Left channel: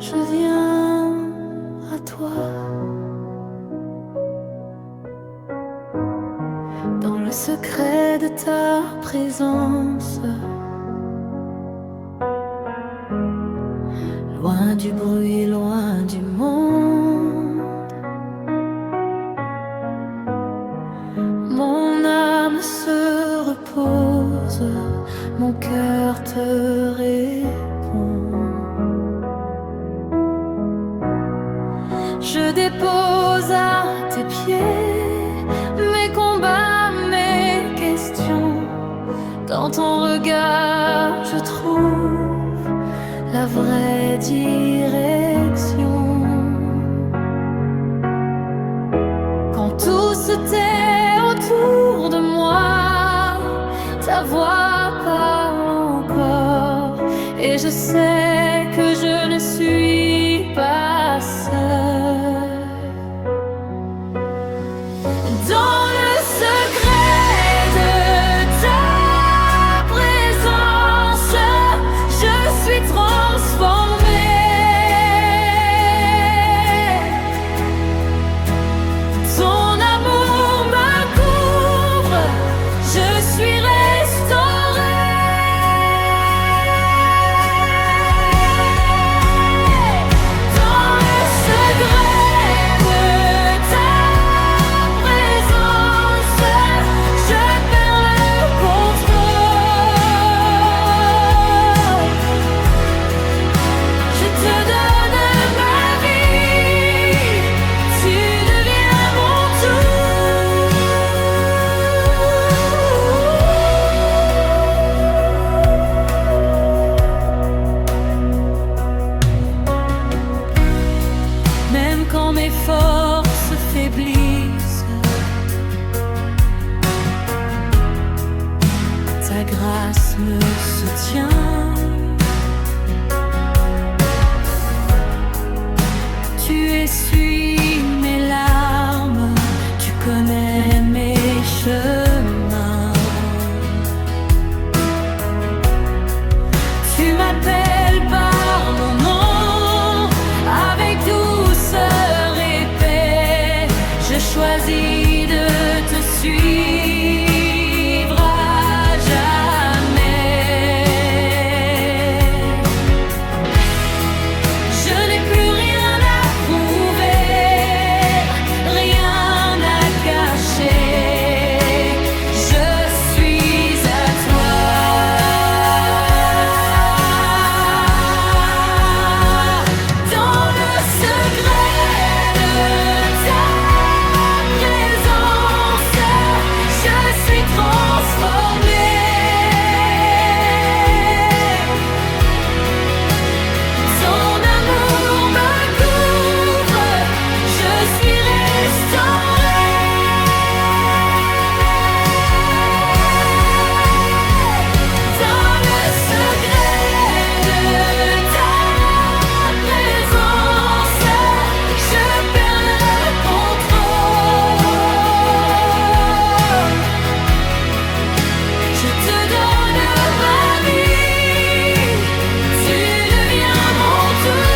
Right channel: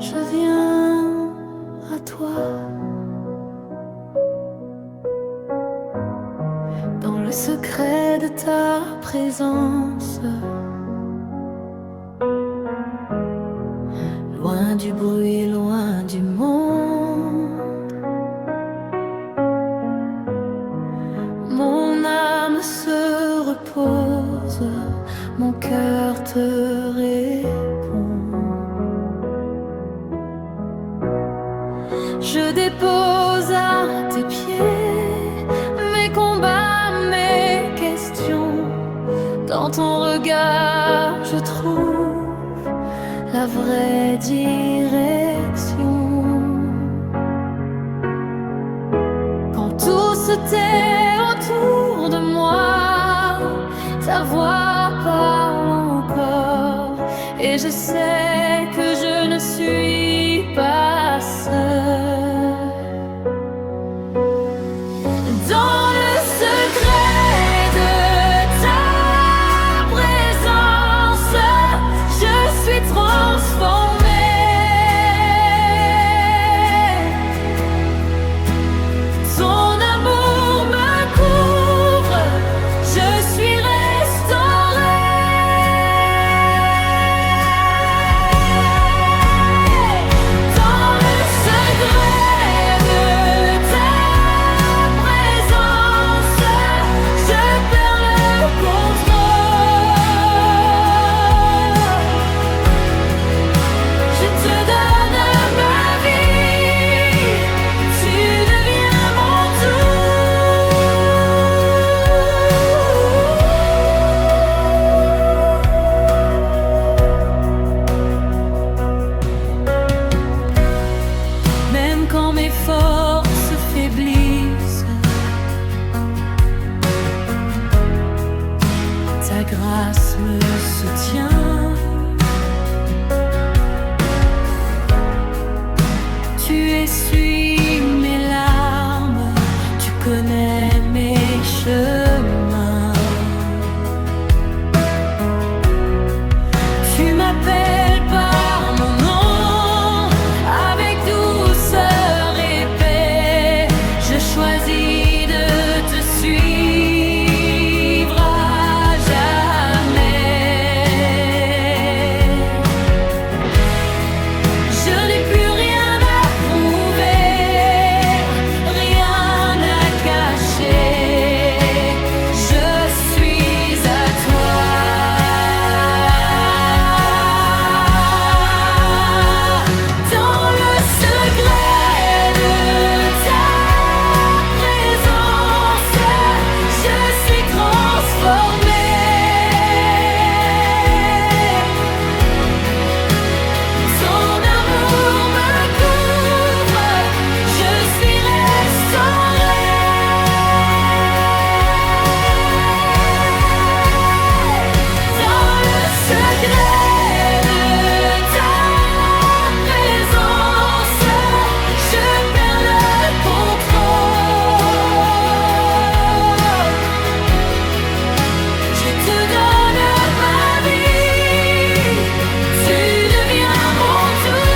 je viens à toi. Dans le secret de ta présence, loin du bruit, loin du monde, mon âme se repose, mon cœur te répond. Je dépose à tes pieds mes combats, mes questions. Dans ton regard, je trouve la vraie direction. Quand tout se tait autour de moi, ta voix parle encore, et je sais que je ne suis pas seule. Dans le secret de ta présence, je suis transformée. Ton amour me couvre, je suis restaurée. Dans le secret de ta présence, je perds le contrôle. Je te donne ma vie, tu deviens mon tout. Même quand mes forces faiblissent, ta grâce me soutient. Tu essuies mes larmes, tu connais mes chemins. Tu m'appelles par mon nom, avec douceur et paix. Je choisis de te suivre à jamais. Je n'ai plus rien à prouver, rien à cacher. Je suis à toi. Dans le secret de ta présence, je suis transformée. Ton amour me couvre, je suis restaurée. Dans le secret de ta présence, je perds le contrôle. Je te donne ma vie, tu deviens mon tout.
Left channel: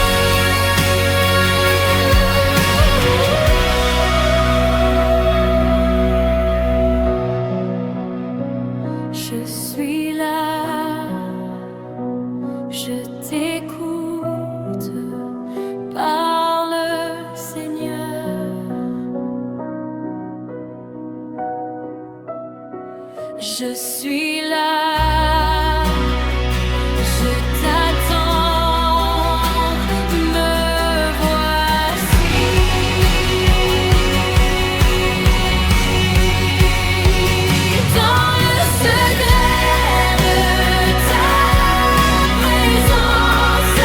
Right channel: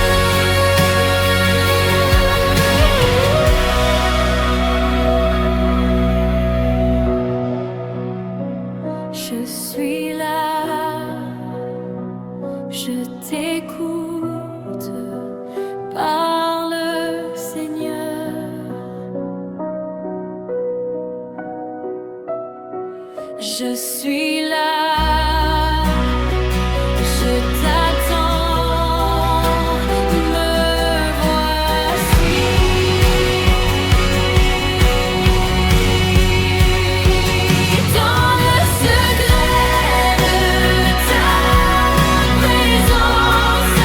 Je suis là, je t'écoute, parle Seigneur. Je suis là, je t'attends, me voici. Dans le secret de ta présence,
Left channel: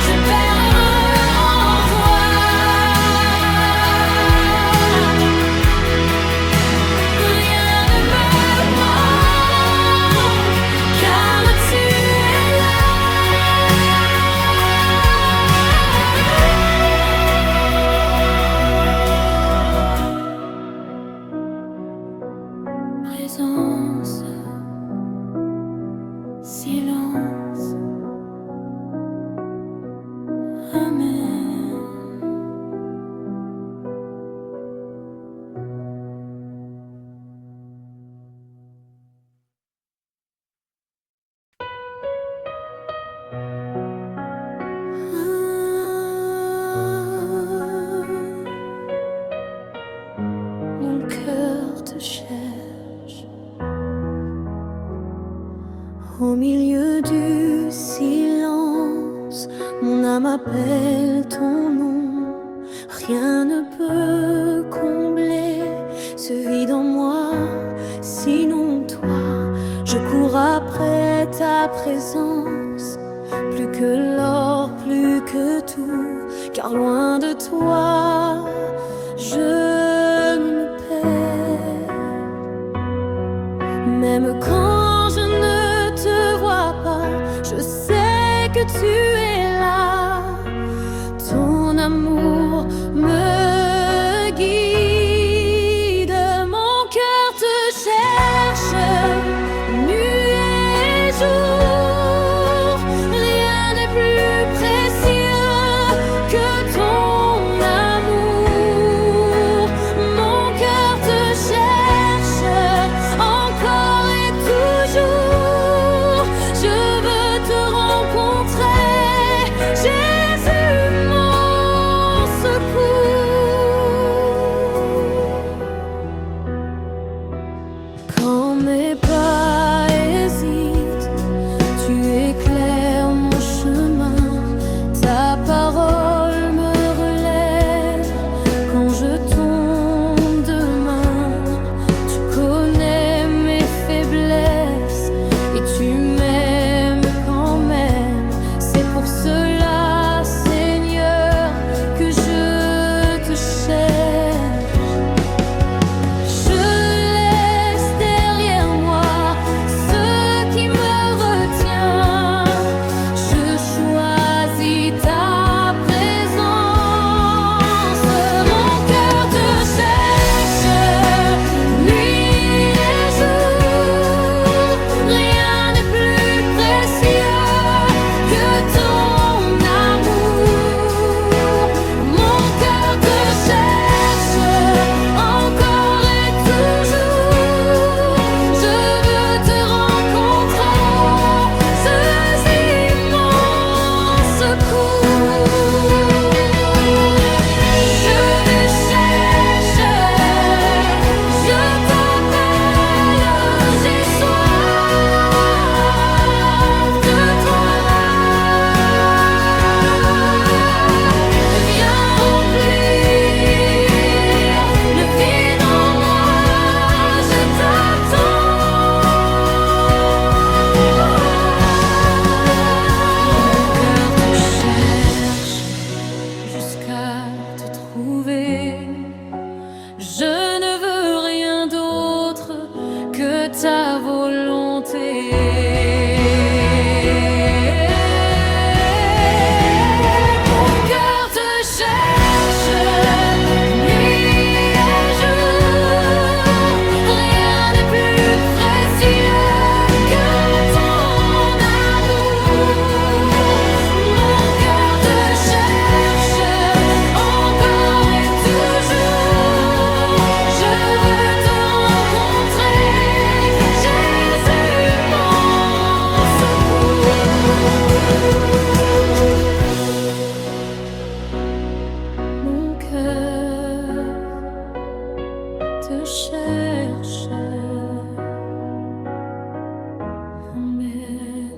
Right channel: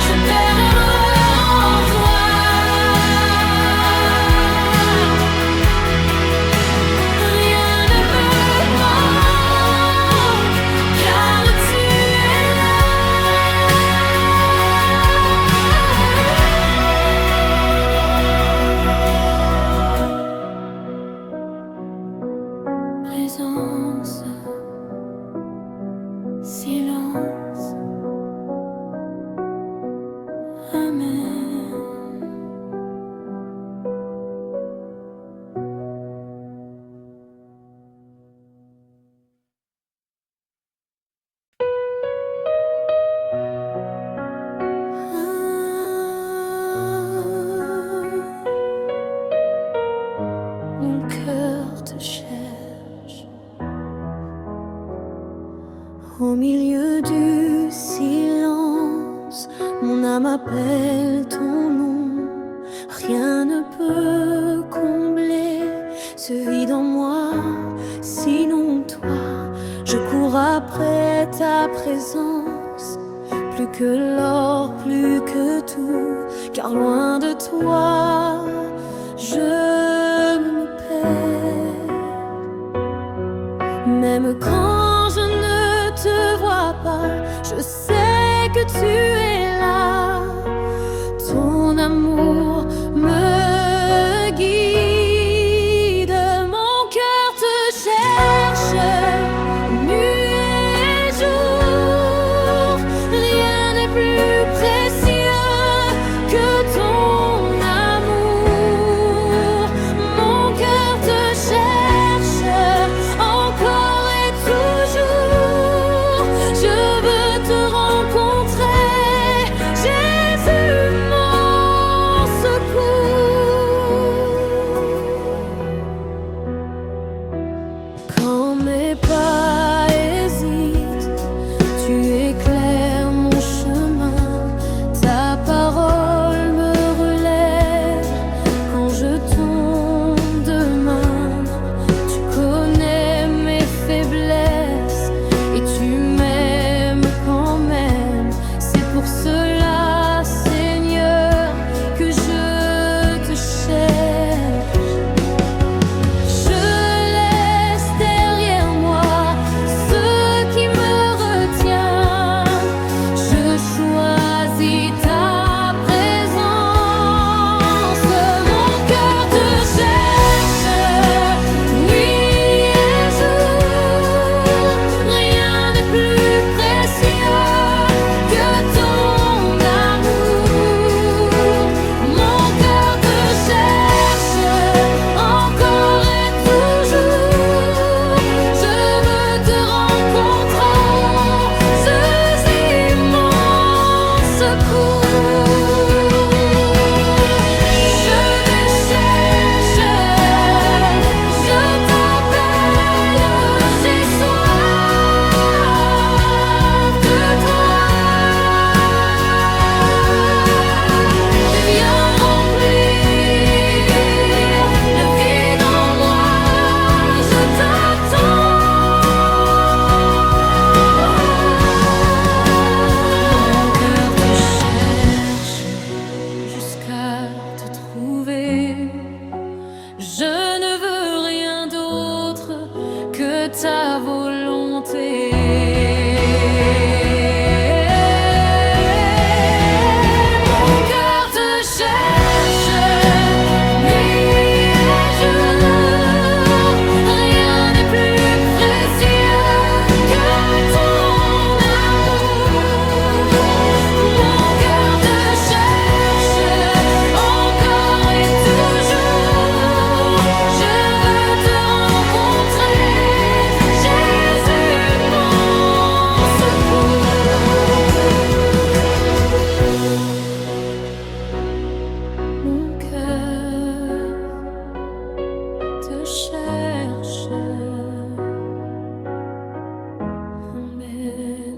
je perds en toi. Rien ne me manque, Amen. Mon cœur te cherche au milieu du silence. Mon âme appelle ton nom. Rien ne peut combler ce vide en moi, sinon toi. Je cours après ta présence, plus que l'or, plus que tout, car loin de toi, je me perds. Même quand je ne te vois pas, je sais que tu es là. Ton amour me guide. Mon cœur te cherche nuit et jour. Rien n'est plus précieux que ton amour. Mon cœur te cherche encore et toujours. Je veux te rencontrer, Jésus, mon secours. Quand mes pas hésitent, tu éclaires mon chemin. Ta parole me relève quand je tombe de main. Tu connais mes faiblesses et tu m'aimes quand même. C'est pour cela, Seigneur, que je te cherche. Je laisse derrière moi ce qui me retient. Je choisis ta présence. Mon cœur te cherche nuit et jour. Rien n'est plus précieux que ton amour. Mon cœur te cherche encore et toujours. Je veux te rencontrer, Jésus, mon secours. Je te cherche, je t'appelle, j'ai soif de toi. Viens remplir le vide en moi, je t'attends. Mon cœur te cherche jusqu'à te trouver. Je ne veux rien d'autre que ta volonté. Mon cœur te cherche nuit et jour. Rien n'est plus précieux que ton amour. Mon cœur te cherche encore et toujours. Je veux te rencontrer, Jésus, mon secours. Mon cœur te cherche. Amen.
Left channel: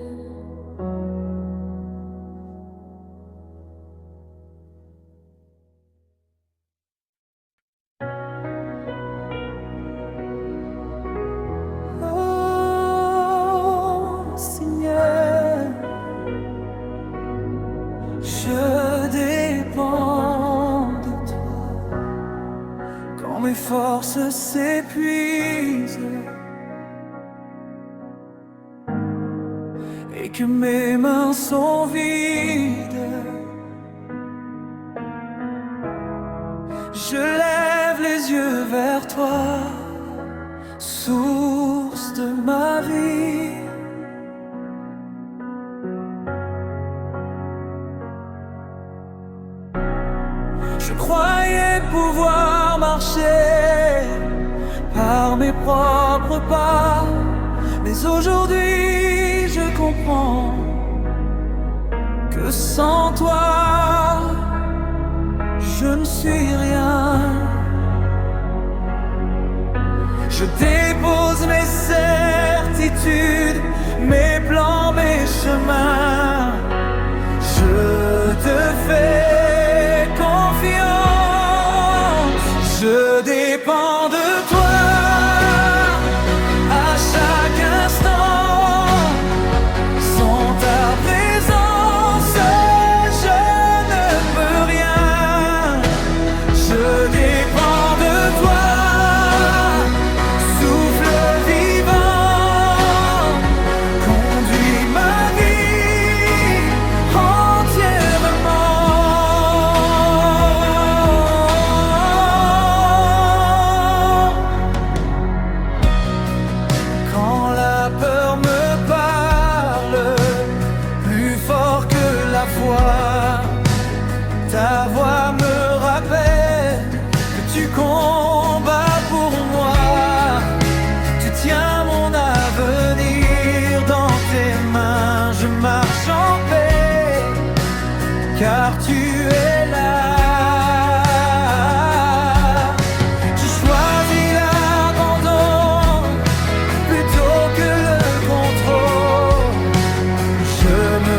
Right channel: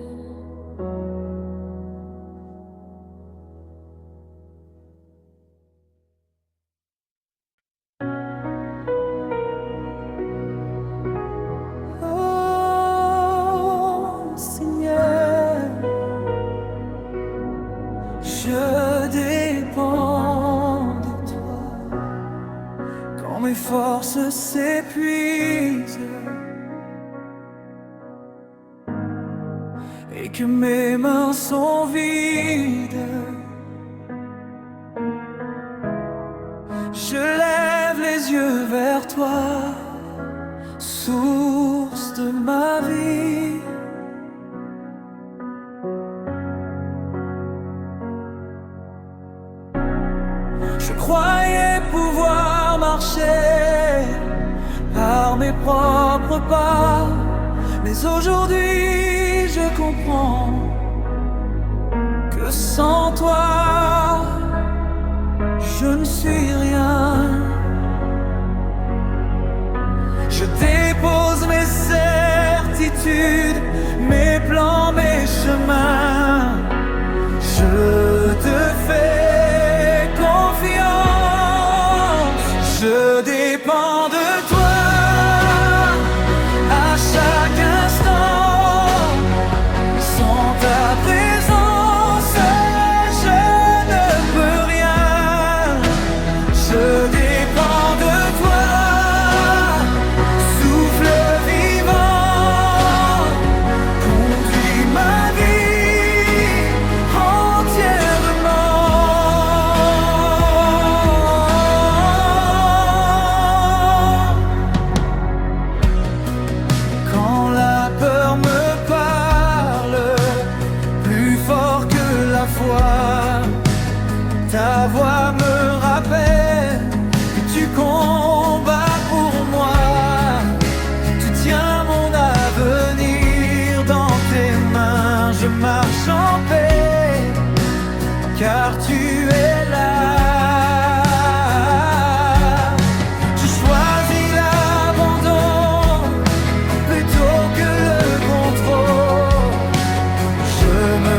Oh Seigneur, je dépends de toi. Quand mes forces s'épuisent et que mes mains sont vides, je lève les yeux vers toi, source de ma vie. Je croyais pouvoir marcher par mes propres pas, mais aujourd'hui je comprends que sans toi, je ne suis rien. Je dépose mes certitudes, mes plans, mes chemins. Je te fais confiance. Je dépends de toi à chaque instant. Sans ta présence, je ne peux rien. Je dépends de toi. Ta voix me rappelle que tu combats pour moi. Tu tiens mon avenir dans tes mains. Je marche en paix car tu es là. Je choisis l'abandon plutôt que le contrôle. Je me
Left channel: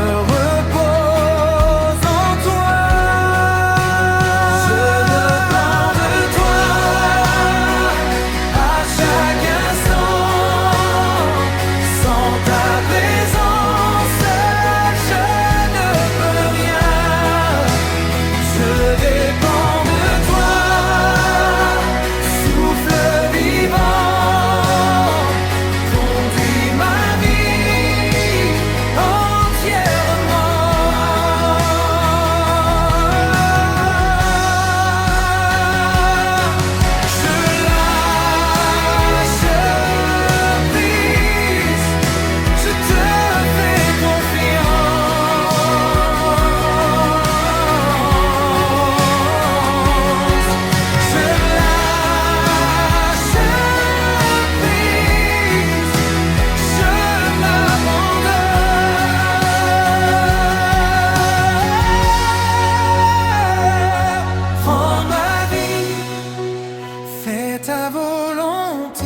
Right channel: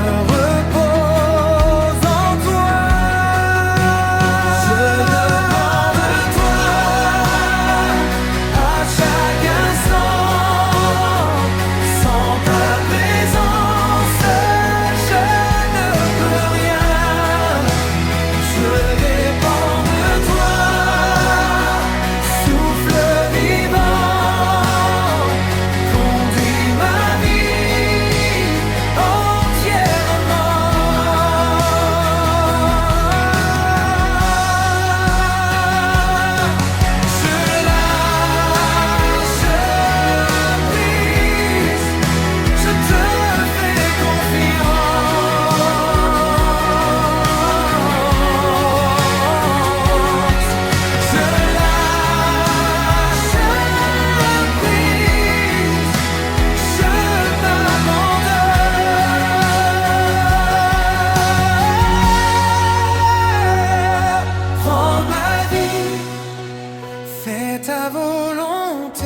ta volonté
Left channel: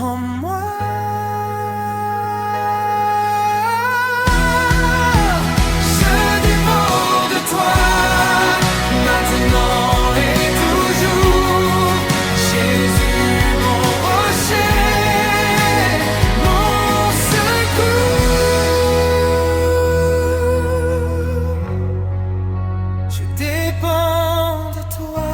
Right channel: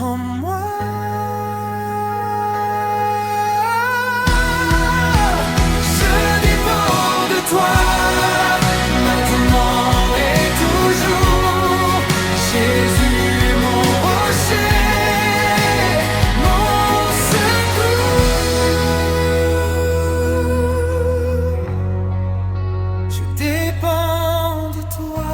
en moi. Je dépends de toi maintenant et toujours. Jésus, mon rocher, mon secours. Je dépends de toi.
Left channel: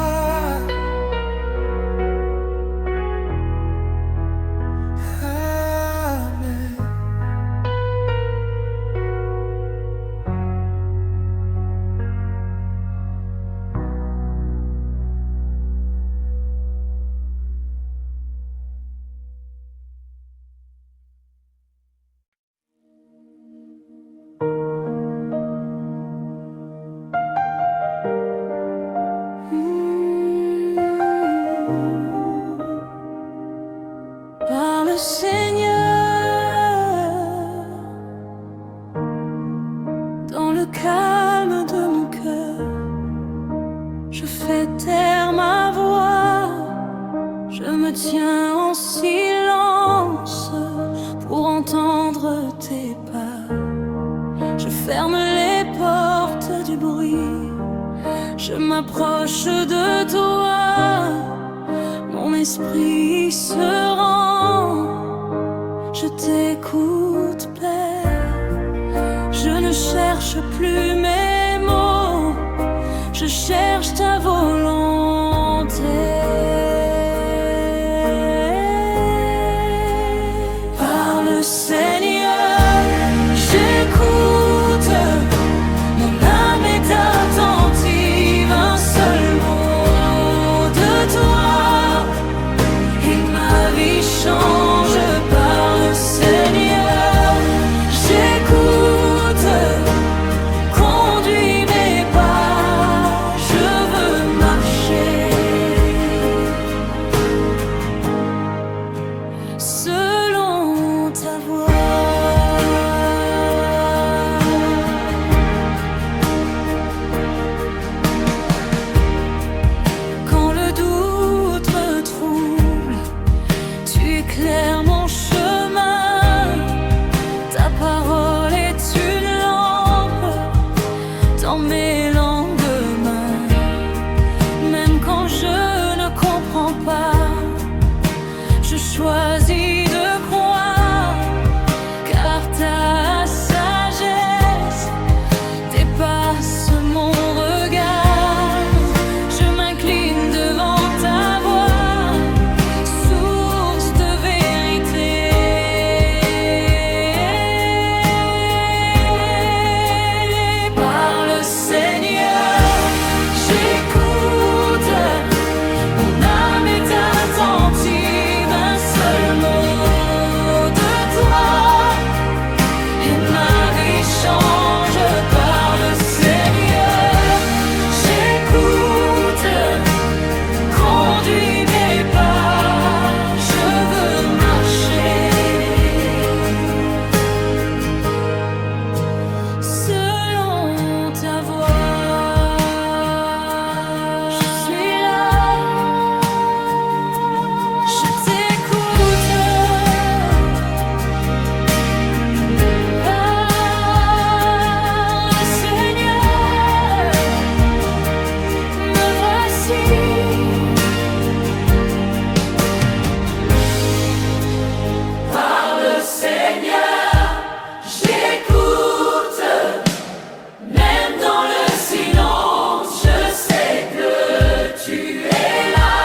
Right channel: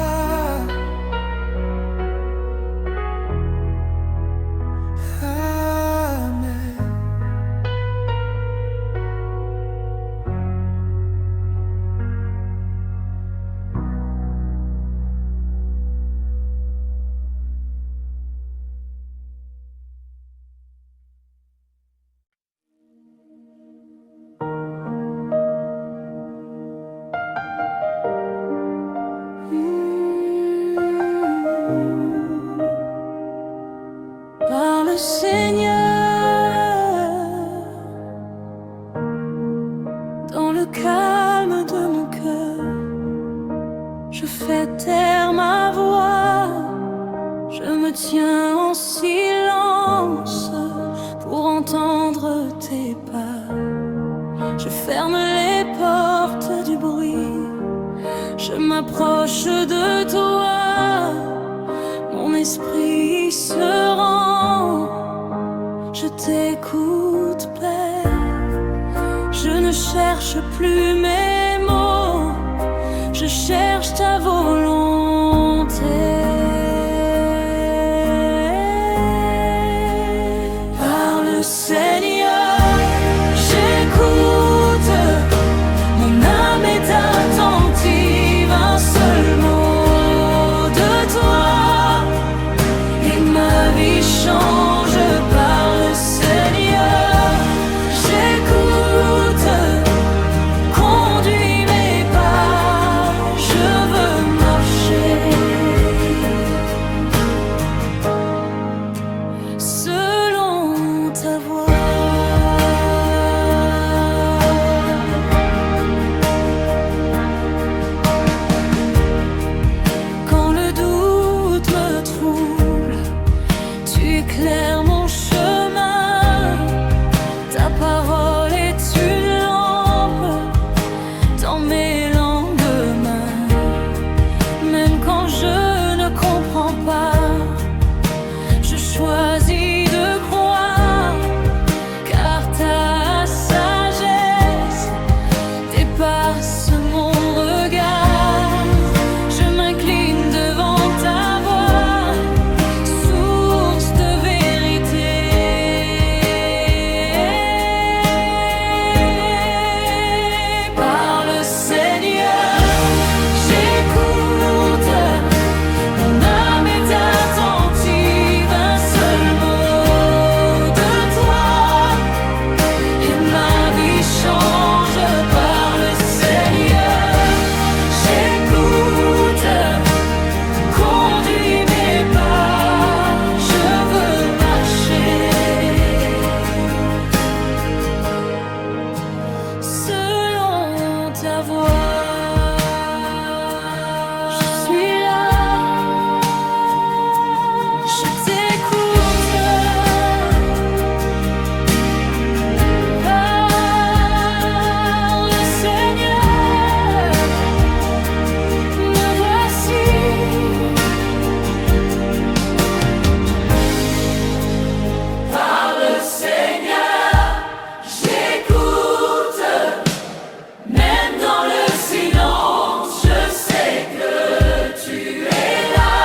Par le Seigneur, dans le calme de mon cœur, je fais taire ma voix, je me tiens en silence pour entendre tes pas. Je ferme les portes du bruit, je m'approche de toi. Mon esprit se rend, je t'écoute, Père. Je ne cherche plus mes mots, je cherche ta volonté. Par le Seigneur, j'écoute, mon âme est attentive, un seul mot de toi. Ma vie change par le Seigneur. J'écoute, conduis mes pas. pas. Je choisis de croire, car ta sagesse dépasse mon regard. Je m'incline devant ta voix, source de vérité. Parle, Seigneur, j'écoute. Mon âme est attentive, un seul mot de toi et ma vie change. Parle, Seigneur, j'écoute. Conduis mes pas, je veux marcher selon ta voix. Je suis là, je t'écoute. Parle, Seigneur, me voici. Parle, Seigneur, j'écoute. Même dans le silence, je sais que tu es là.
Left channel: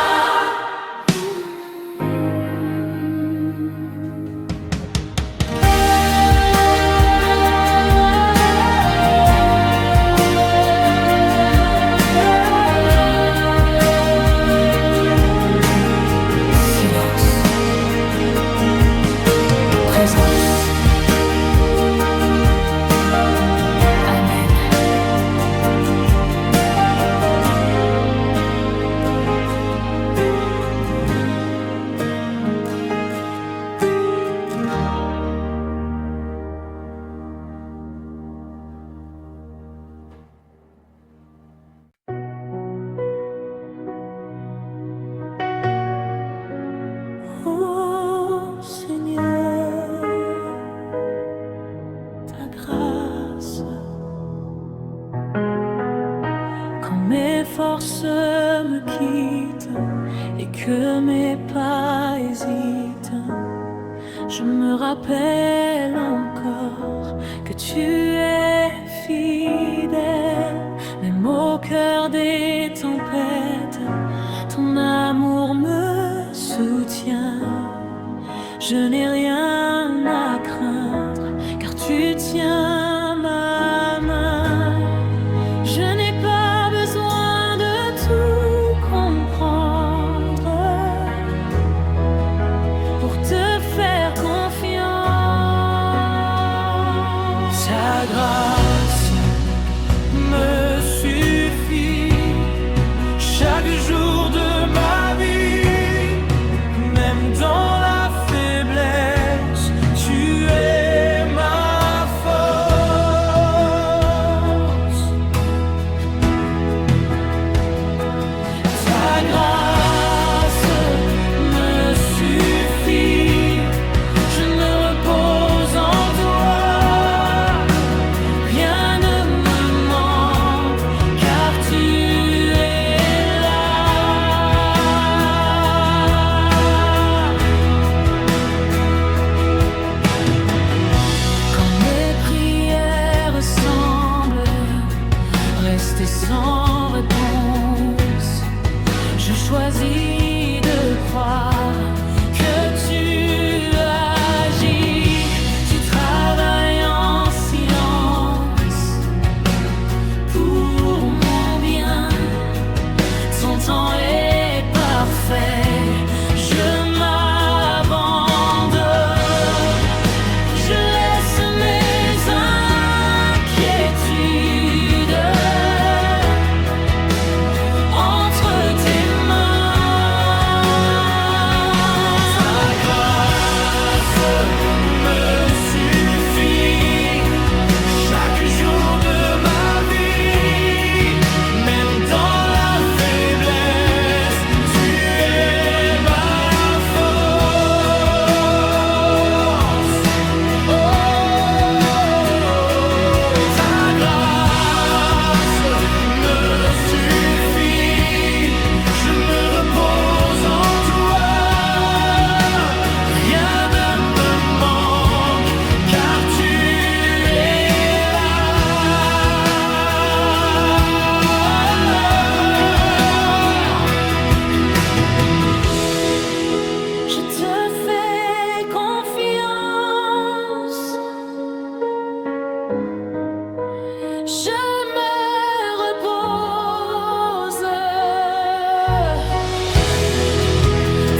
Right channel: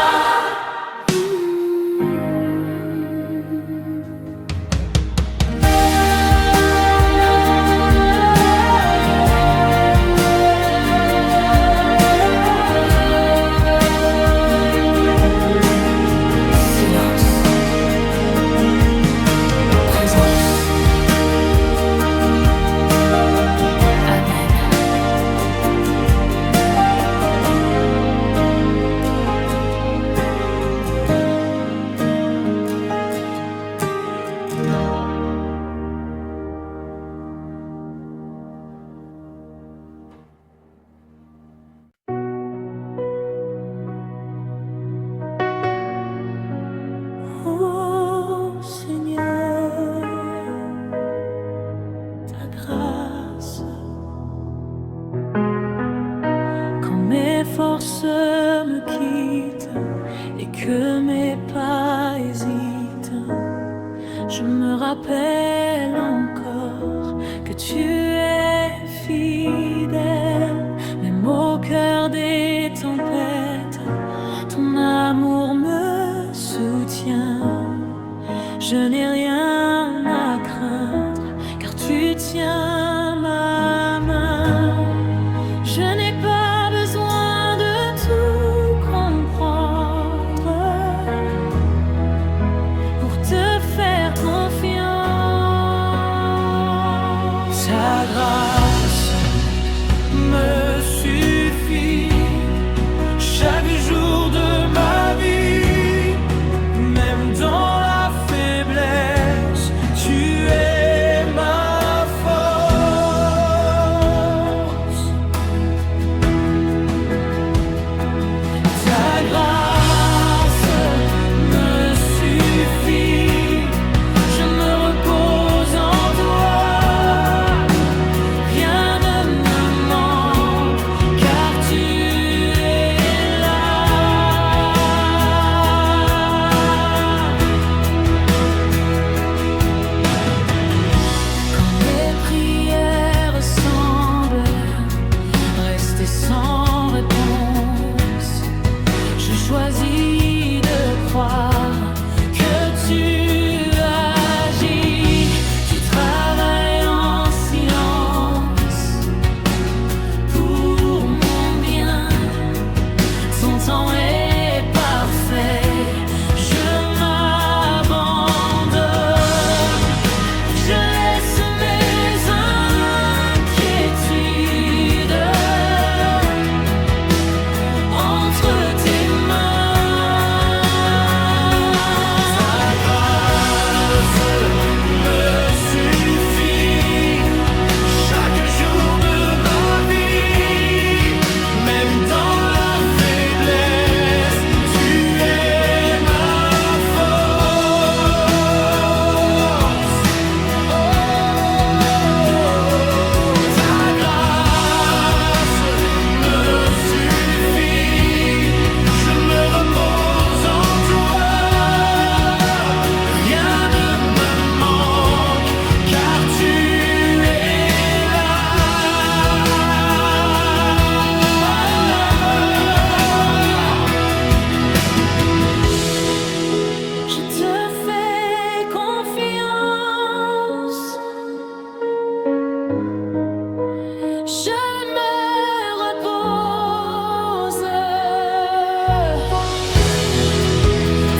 Silence, présence. Amen. Oh Seigneur, ta grâce, quand mes forces me quittent et que mes pas hésitent, je me rappelle encore que tu es fidèle, même au cœur des tempêtes, ton amour me soutient. Je n'ai rien à craindre, car tu tiens ma main. Je n'ai pas besoin de tout comprendre pour te faire confiance. Ta grâce me suffit chaque jour de ma vie, même dans la faiblesse, tu es ma force. Ta grâce me suffit, je me repose en toi. Rien ne me manque, car tu es là. Quand mes prières semblent rester sans réponse, je choisis de croire que tu agis. Tu travailles en silence pour mon bien. Ton temps est parfait. Je m'abandonne. Je laisse mes inquiétudes entre tes mains. Ta grâce je me repose.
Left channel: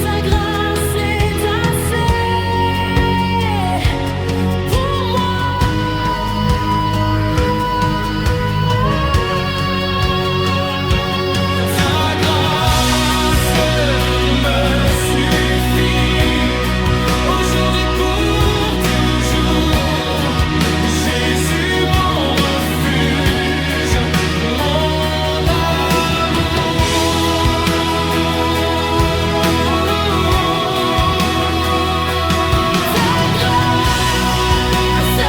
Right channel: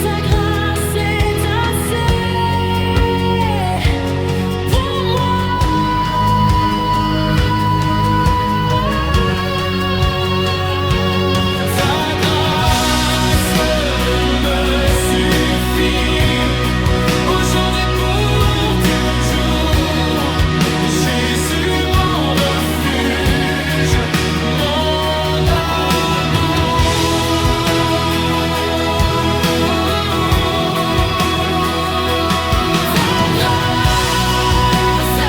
Ta grâce est assez pour moi. Ta grâce me suffit aujourd'hui pour toujours. Jésus, mon refuge, mon amour. Ta grâce,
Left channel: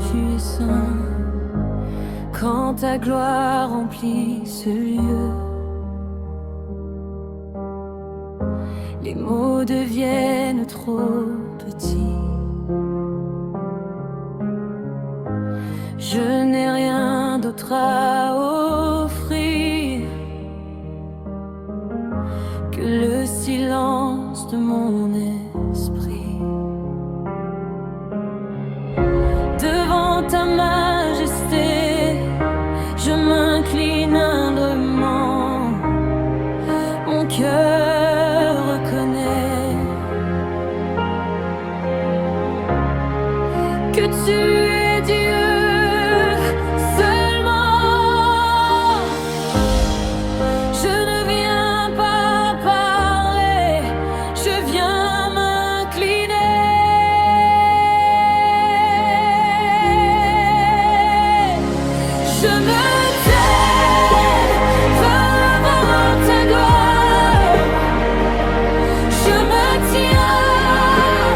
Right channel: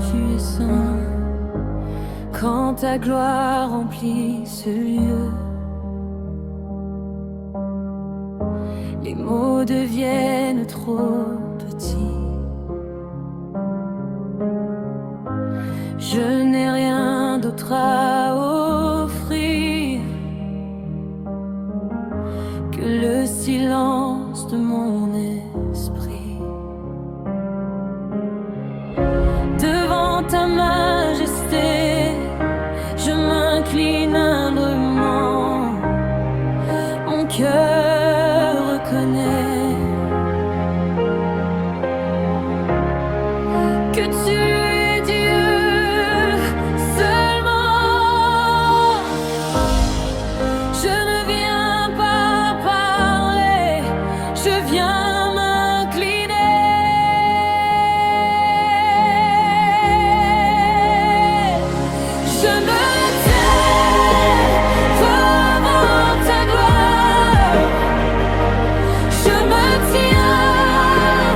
tu es saint. Quand ta gloire remplit ce lieu, les mots deviennent trop petits. Je n'ai rien d'autre à offrir que le silence de mon esprit. Devant ta majesté, je m'incline humblement. Mon cœur reconnaît que tu es Dieu seulement. Je ne viens pas parler, je viens m'incliner. Je me tais devant ta gloire. Je me tiens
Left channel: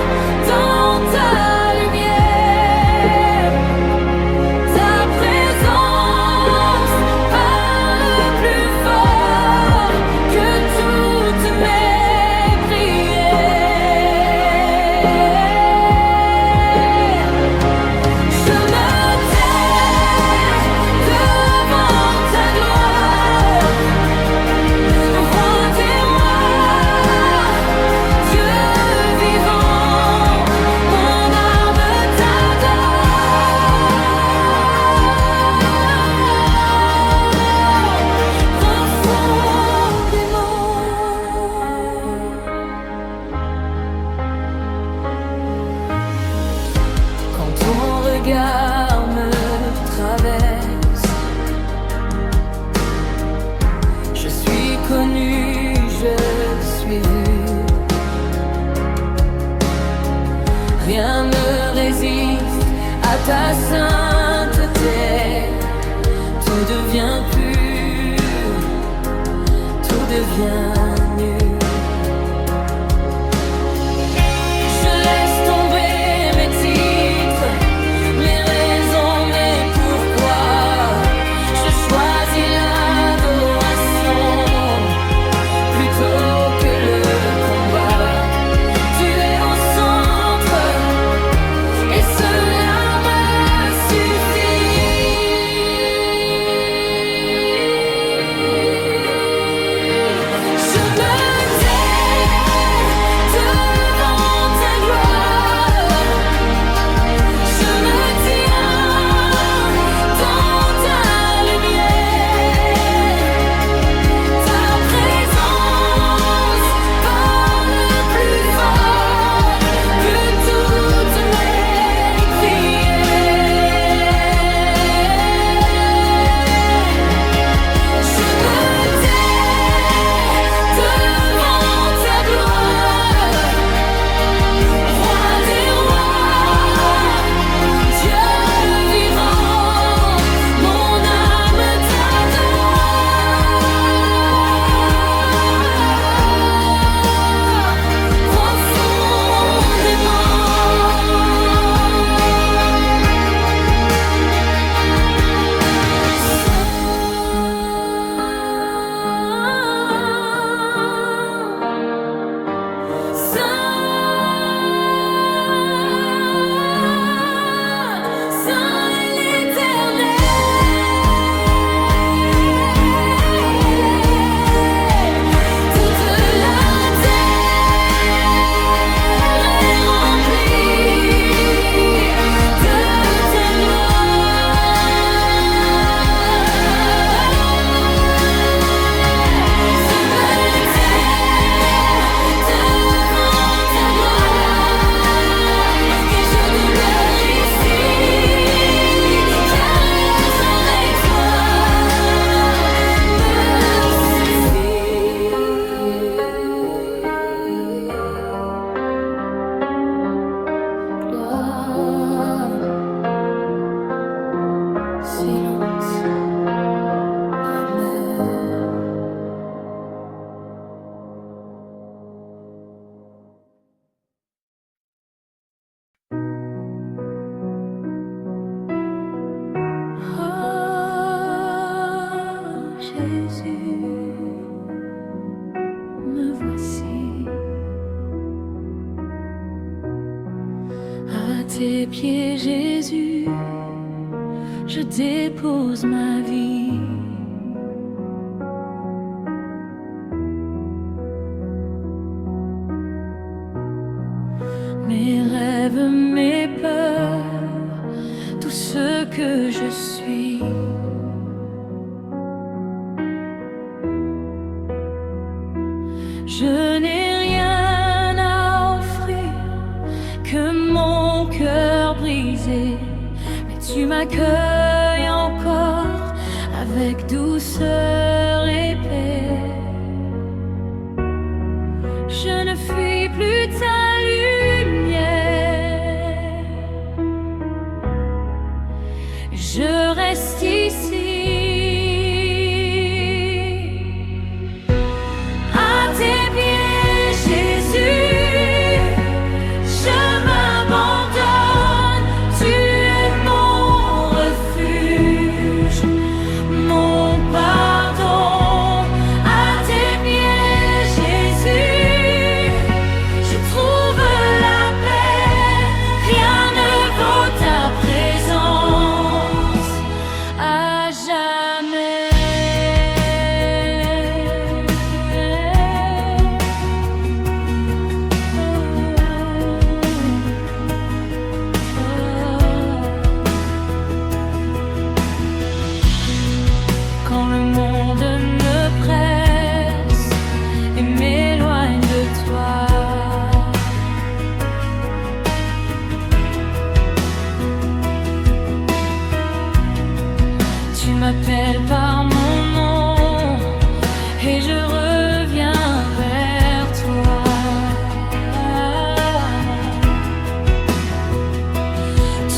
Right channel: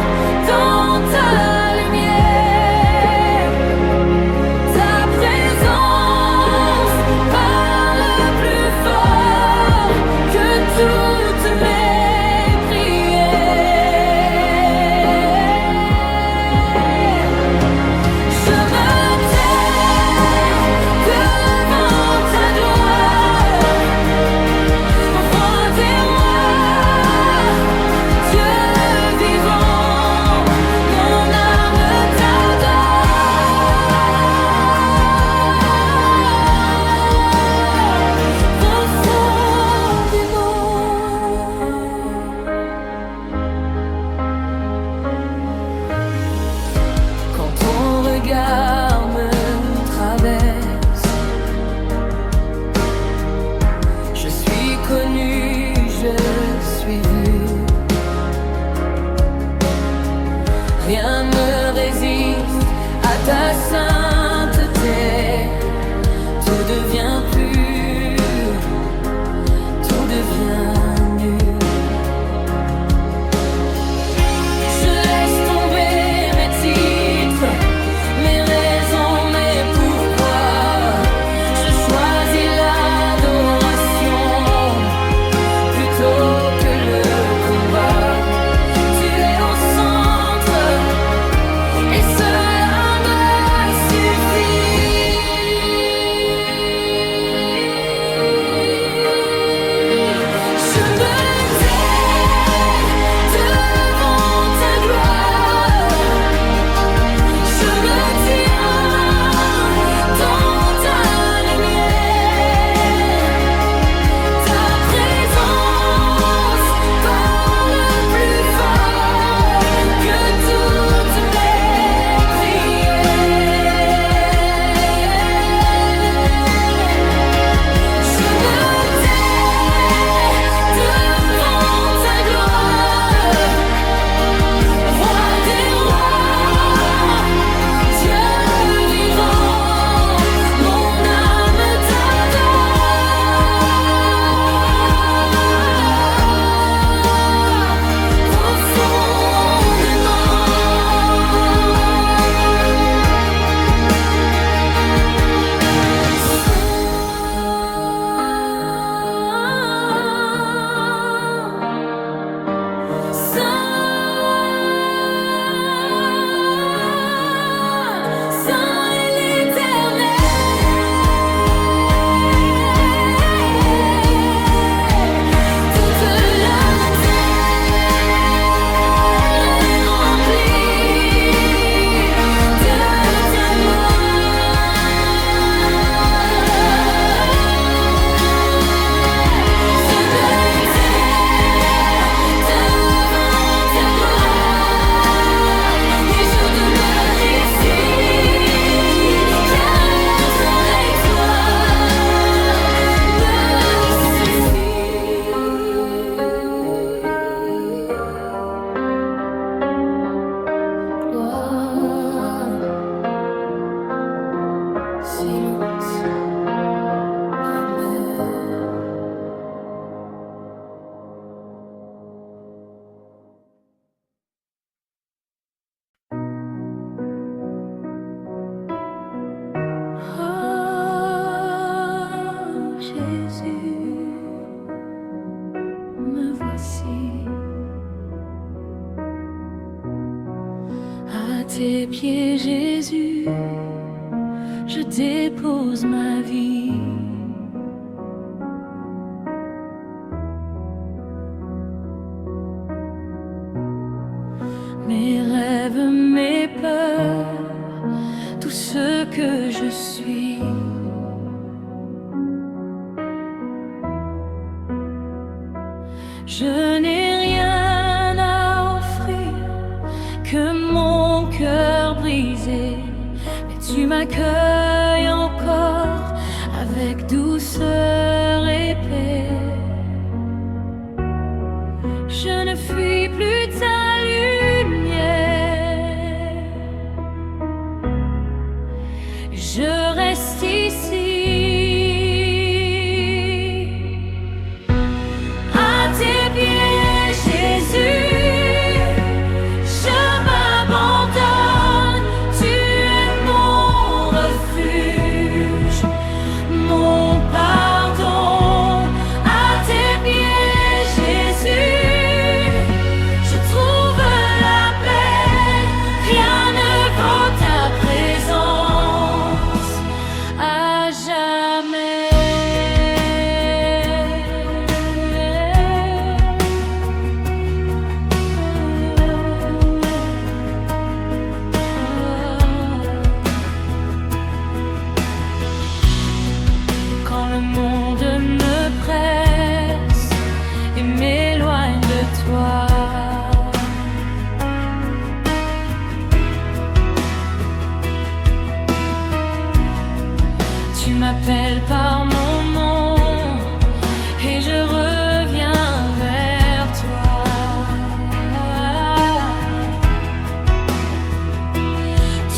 dans ta lumière. Ta présence parle plus fort que toutes mes prières. Je me tais devant ta gloire, roi des rois, Dieu vivant, mon âme t'adore profondément. Quand ton regard me traverse, je suis connu, je suis vu. Rien ne résiste à ta sainteté. Tout devient pur, tout devient nu. Je laisse tomber mes titres, mes raisons, mes pourquoi. Je choisis l'adoration plutôt que le combat. Tu es au centre et cela me suffit. Je silence. Mais oh Jésus, me voici à tes pieds, Jésus, je dépose ma vie. Mes rêves, mes peurs, tout ce que je suis. Je n'ai rien à offrir que mon cœur brisé, mais tu m'accueilles encore avec douceur et paix. Je ne fuis plus ta lumière, je reste ici. À tes pieds, Jésus, je m'abandonne. Tu es mon refuge, mon pardon. À tes pieds, Jésus, je trouve la paix. Rien ne vaut ta présence à jamais. Quand le monde me presse et m'éloigne de toi, tu m'appelles par mon nom et je reviens vers toi.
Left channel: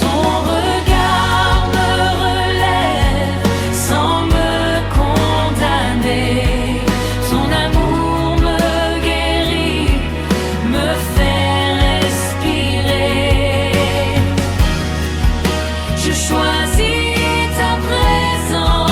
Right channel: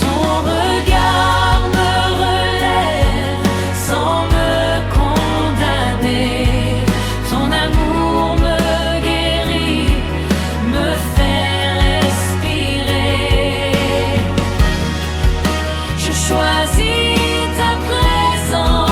Ton regard me relève sans me condamner. Ton amour me guérit, me fait respirer. Je choisis ta présence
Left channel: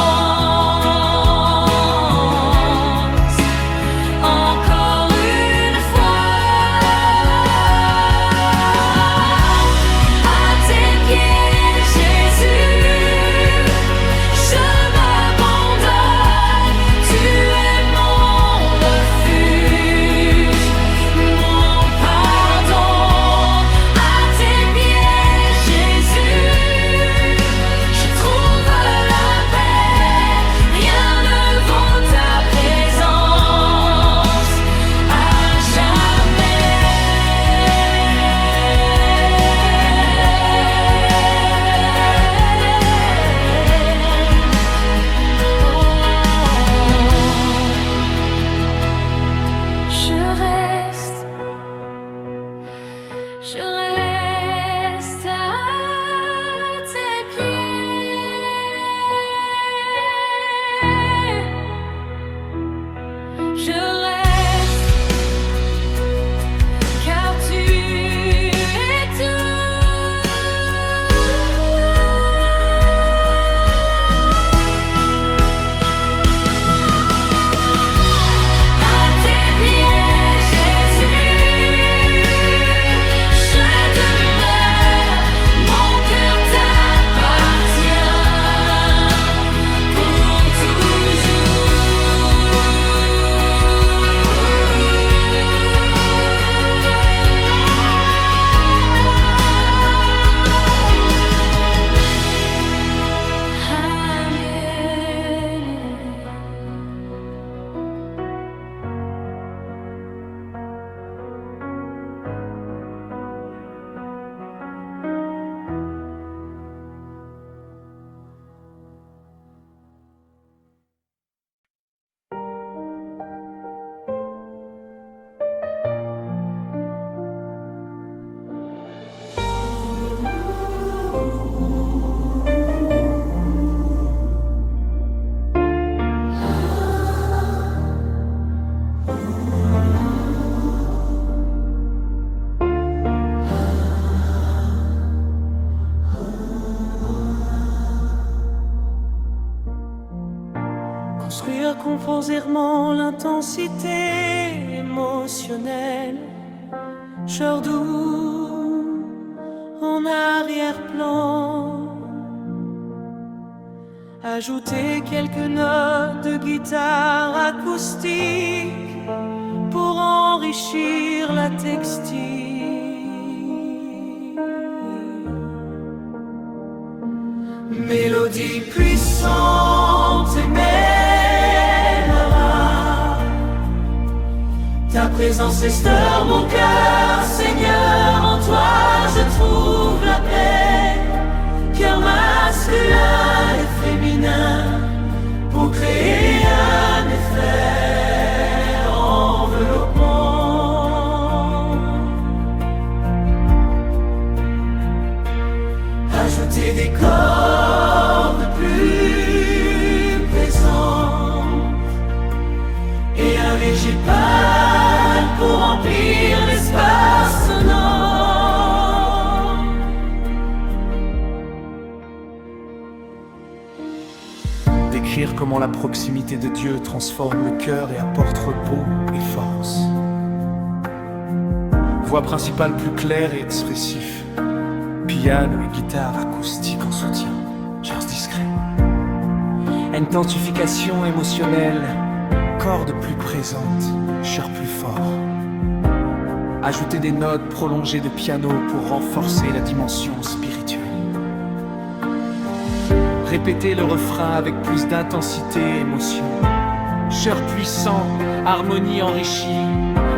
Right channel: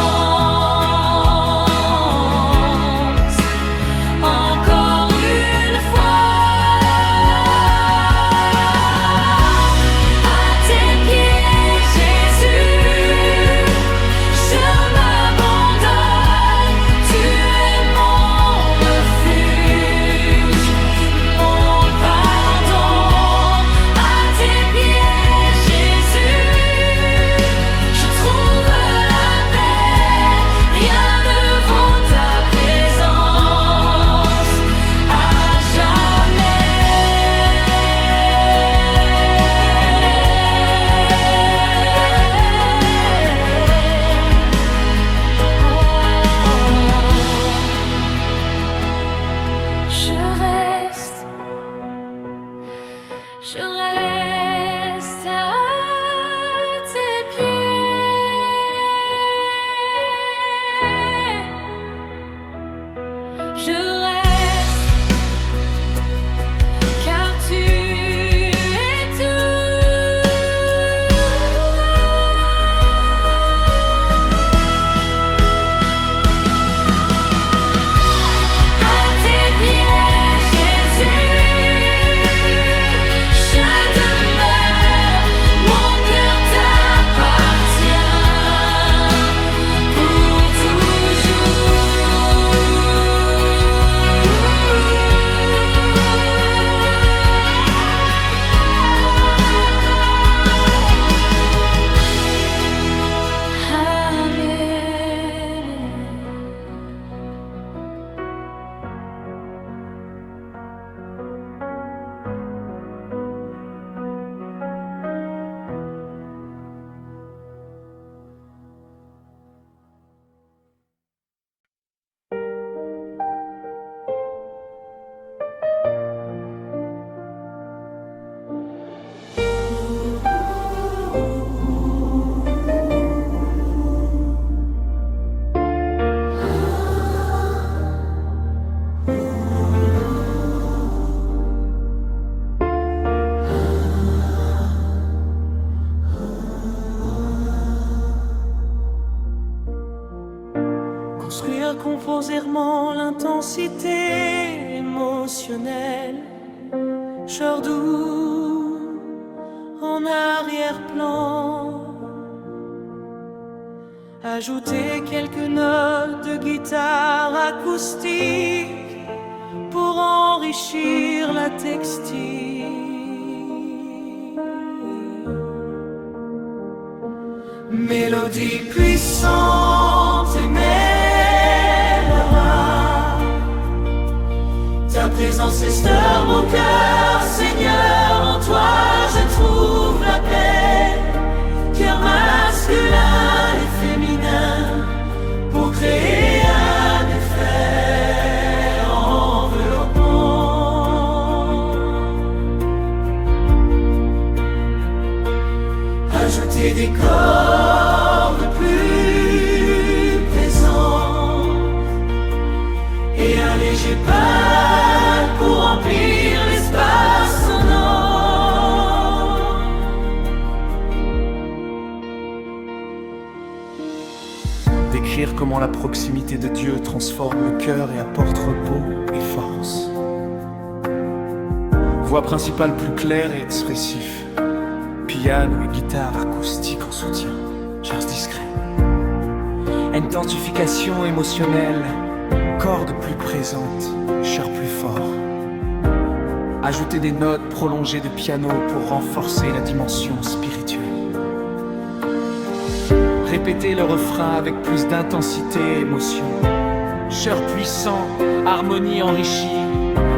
Construire composément l'intensité émotionnelle, chœur doux en arrière-plan. Ajouter quelques notes de guitare acoustique pour enrichir la textile. Mélodie puissante et mémorable, ta présence restaure mon cœur, Seigneur, en toi je trouve la paix. Cœur masculin et féminin pour créer un effet enveloppant. Ajouter des cordes plus présentes et un léger pas pour remplir l'espace sonore. Décrire comment la proximité de Dieu transforme le cœur et apporte repos et force. Voix principale plus claire et expressif. Piano et guitare acoustique en soutien. Tierce discret. Intensification émotionnelle. Cordes plus présentes. Chœur plus fort. Ajouter des notes prolongées de piano pour renforcer la dimension spirituelle. Répéter le refrain avec plus d'intensité et émotion. Chœur puissant, harmonie enrichie,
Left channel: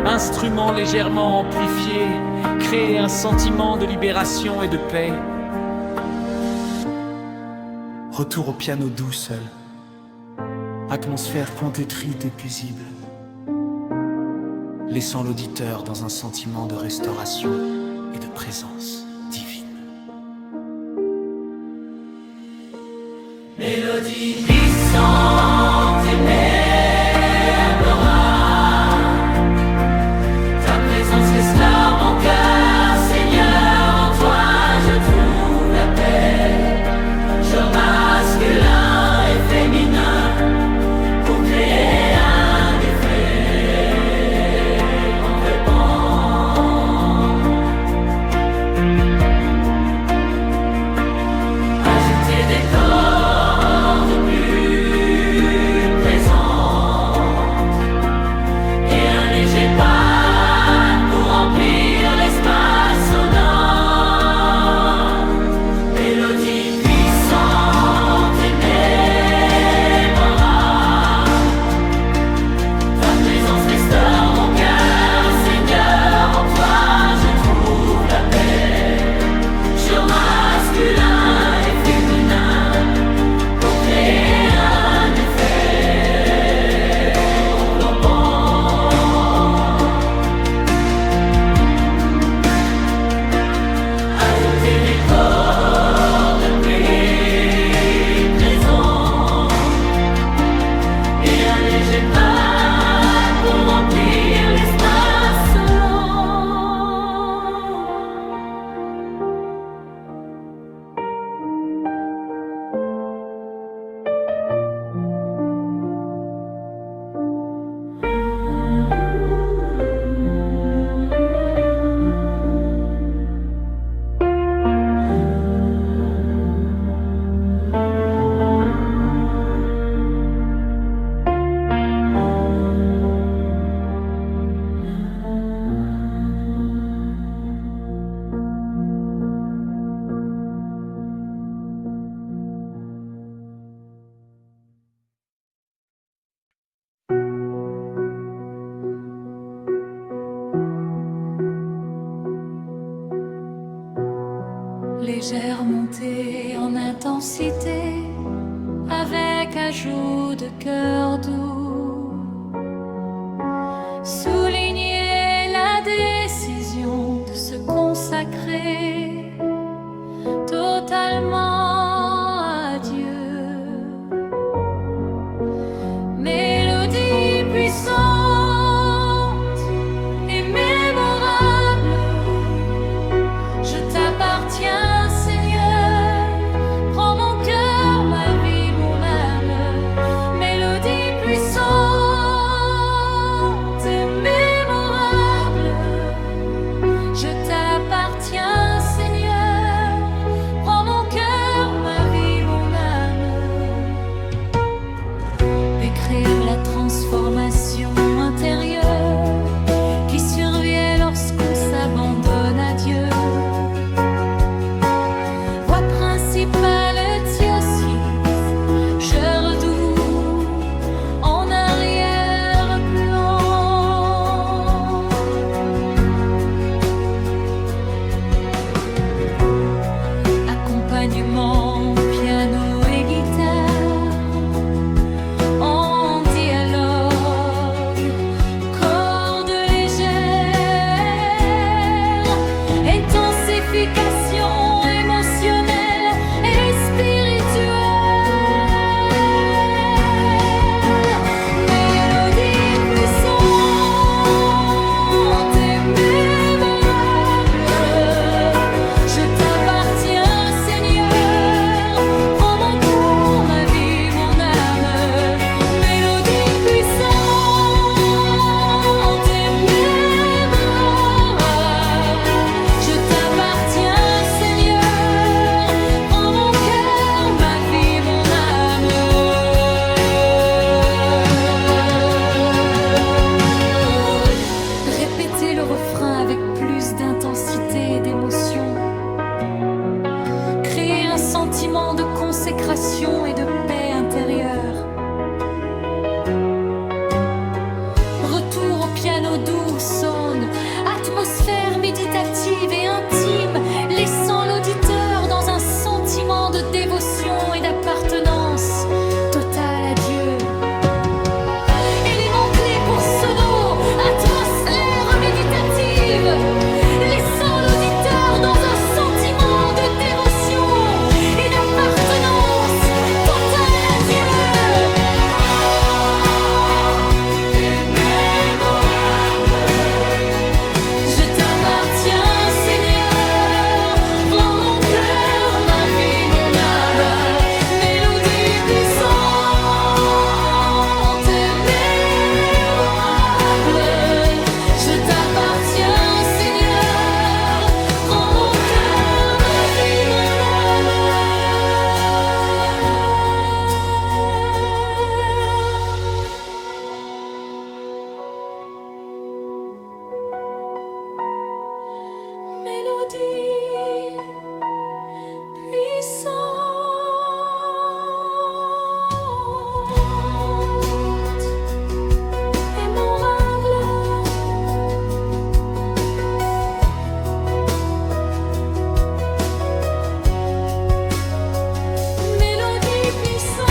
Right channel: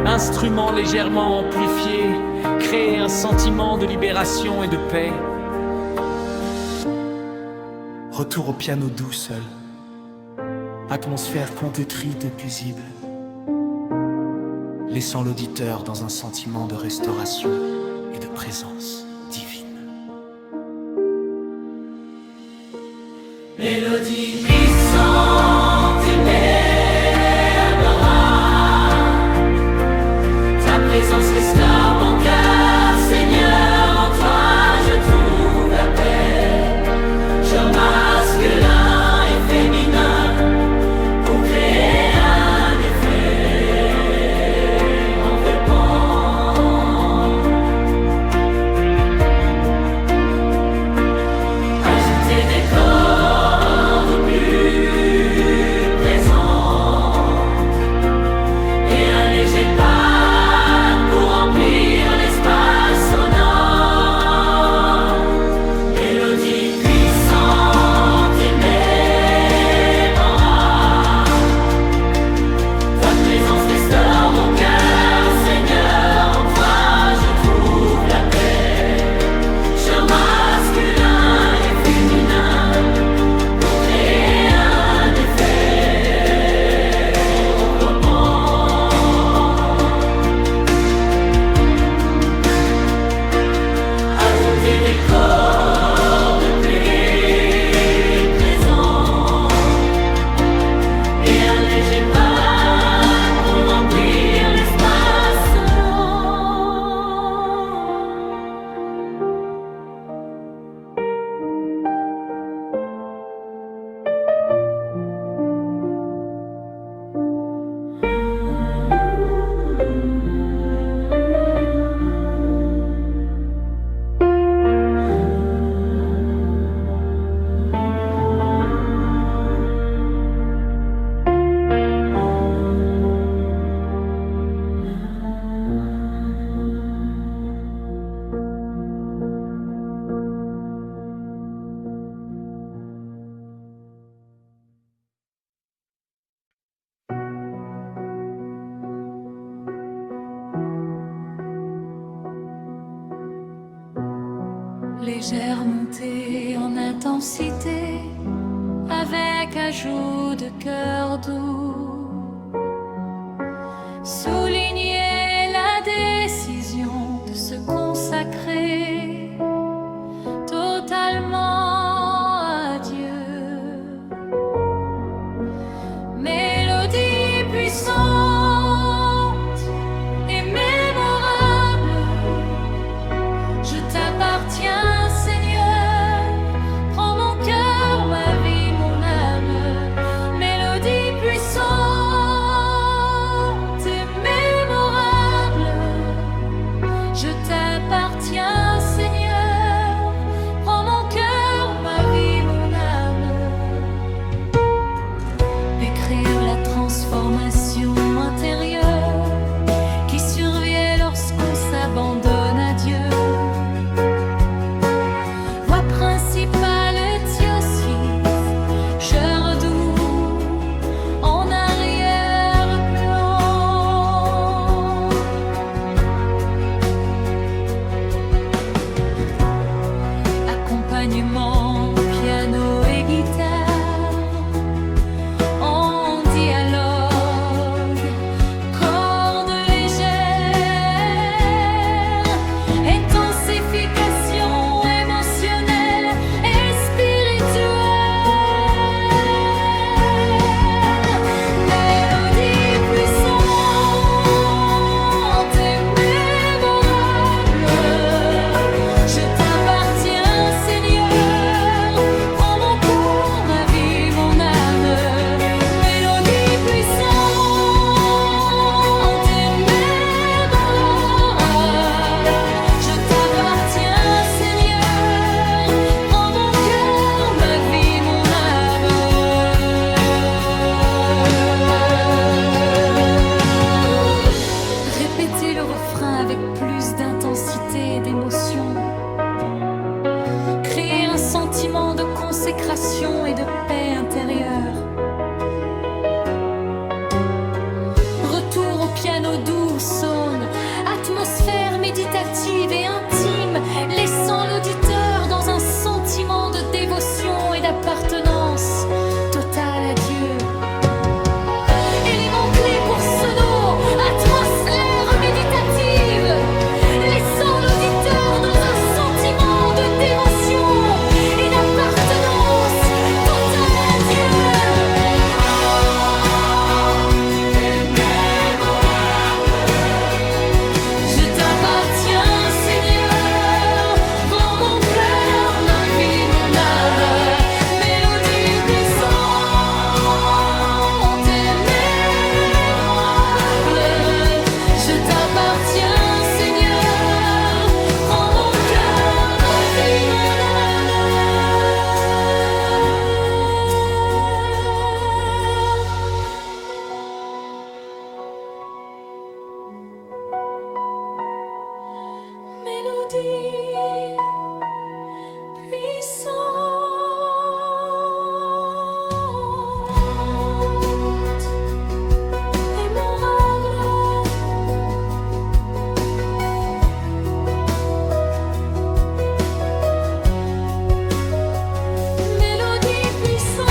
instrument légèrement amplifié, créer un sentiment de libération et de paix. Retour au piano doux seul. Atmosphère pontétrique et paisible, laissant l'auditeur dans un sentiment de restauration et de présence divine. Mélodie puissante et mémorable, ta présence restaure mon cœur, Seigneur, en toi je trouve la paix. Genre masculin et féminin pour créer un effet enveloppant. Ajouter des cordes plus présentes et un léger pas pour remplir l'espace sonore. Mélodie puissante et mémorable, ta présence restaure mon cœur, Seigneur, en toi je trouve la paix. Chœur masculin et féminin pour créer un effet enveloppant. Ajouter des cordes plus présentes et un léger pas pour remplir l'espace sonore. Légère montée en intensité, avec ajout de cœur doux. Souligner la décision de se consacrer totalement à Dieu. Mélodie puissante et mémorable, je t'appartiens, Seigneur. Prends mon cœur, ma vie, mon âme. Mélodie décrire la transformation intérieure qui survient lorsqu'on s'abandonne à Dieu. Voie principale Diocèse, je redoute en arrière-plan. Accompagnement, piano et guitare en dialogue, cordes légères, intensification émotionnelle et spirituelle, mélodie puissante et mémorable. Je t'appartiens, Seigneur, prends mon cœur, ma vie, mon âme. Mélodie puissante et mémorable. Je t'appartiens, Seigneur, prends mon cœur, ma vie, mon âme. Répétez le refrain avec plus d'intensité et d'émotion. Créer un sentiment de consécration et de paix intérieure. Retour au piano doux sonne, atmosphère méditative et intime, laissant l'auditeur dans un sentiment de dévotion et d'appartenance totale à Dieu. Élément clé pour sono, atmosphère méditative, laissant l'auditeur dans un sentiment de dévotion et d'appartenance totale à Dieu. Je t'appartiens, Seigneur, prends mon cœur, ma vie, mon âme. Mélodie puissante et mémorable. Je t'appartiens, Seigneur, prends mon cœur, ma vie, mon âme. Mélodie puissante, mémorable. Mélodie puissante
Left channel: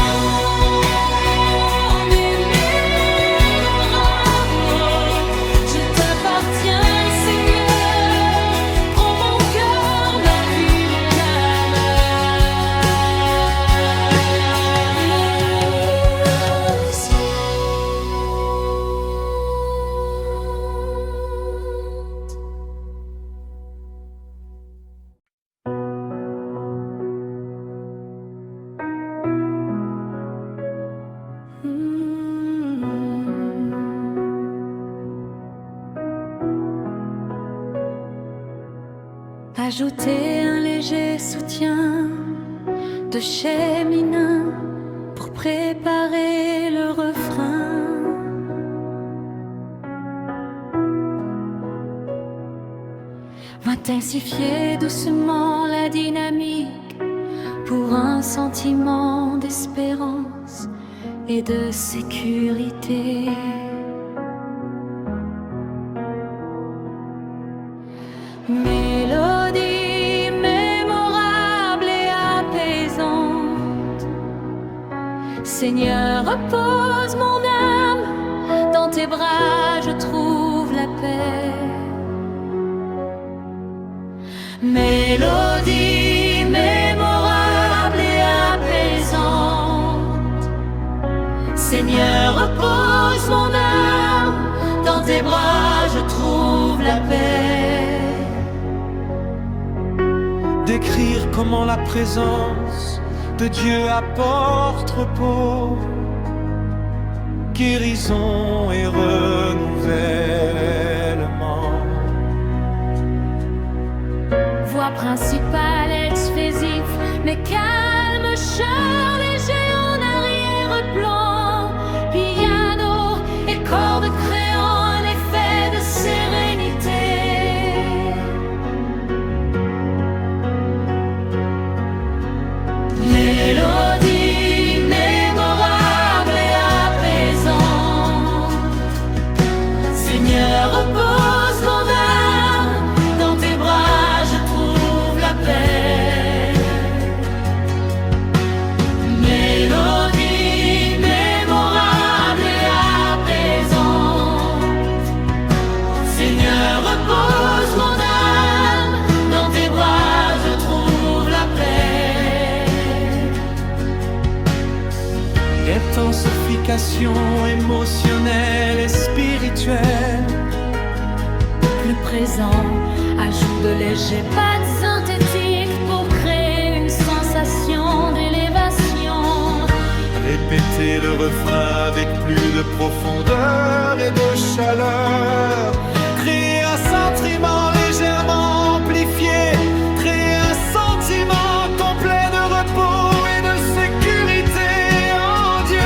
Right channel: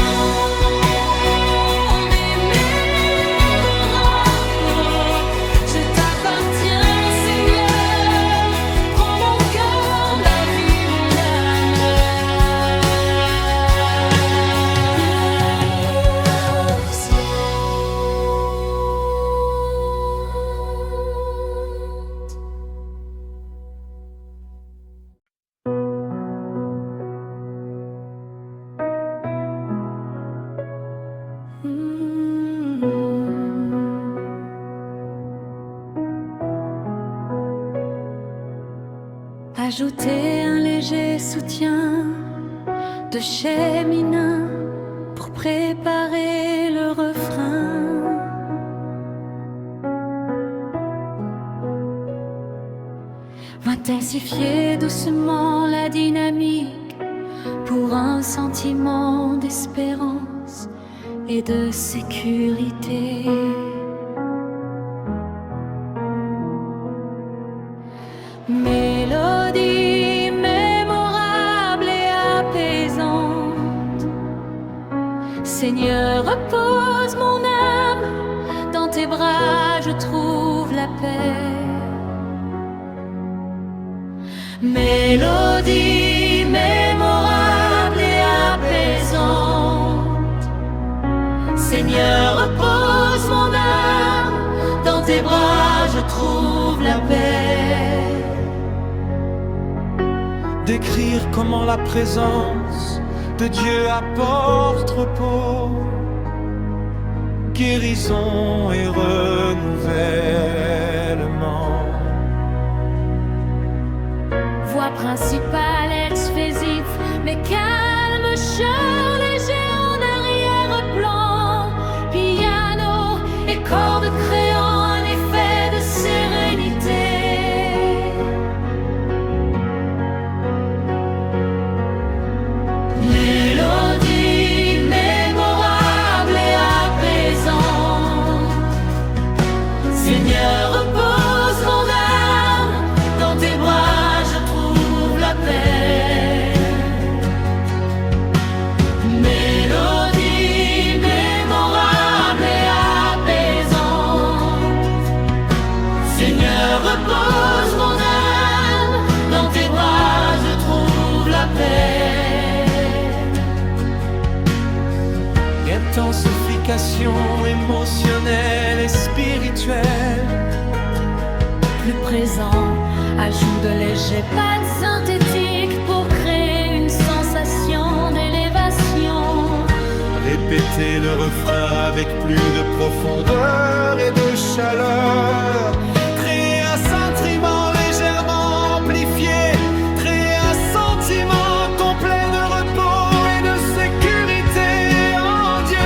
et mémorable. Je t'appartiens, Seigneur, prends mon cœur, ma vie, mon âme. Ajouter un léger soutien de chez Mina pour préparer le refrain. Intensifier doucement la dynamique pour un sentiment d'espérance et de sécurité. Mélodie mémorable et apaisante. Seigneur, repose mon âme, dans tes bras je trouve la paix. Mélodie mémorable et apaisante. Seigneur, repose mon âme, dans tes bras je trouve la paix. Décrire comment la présence de Dieu apporte repos, guérison et renouvellement. Voix principale expressif, mais calme, chœur léger en arrière-plan, puis intensification émotionnelle et spirituelle. Plus présent, ajout de légers pads synthétiques pour créer une sensation d'élévation. Répétez le refrain avec plus de profondeur et de chaleur. Créez un sentiment légèrement amplifié. Créez un sentiment complet de repos et de sécurité en Dieu.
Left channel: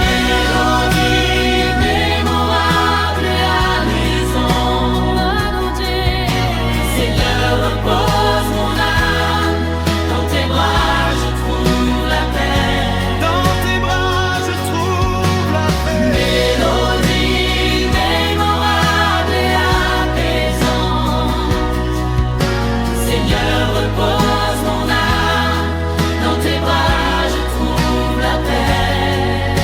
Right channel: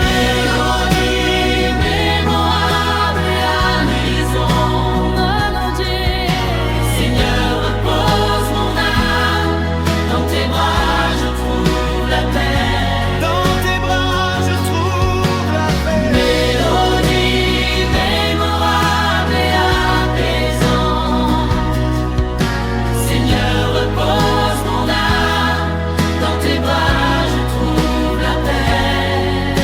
Mélodie mémorable et amusante. Mélodie. Seigneur, repose mon âme. Dans tes bras, je trouve la paix. Dans tes bras, je trouve la paix. Mélodie mémorable et apaisante. Seigneur, repose mon âme. Dans tes bras, je trouve la paix.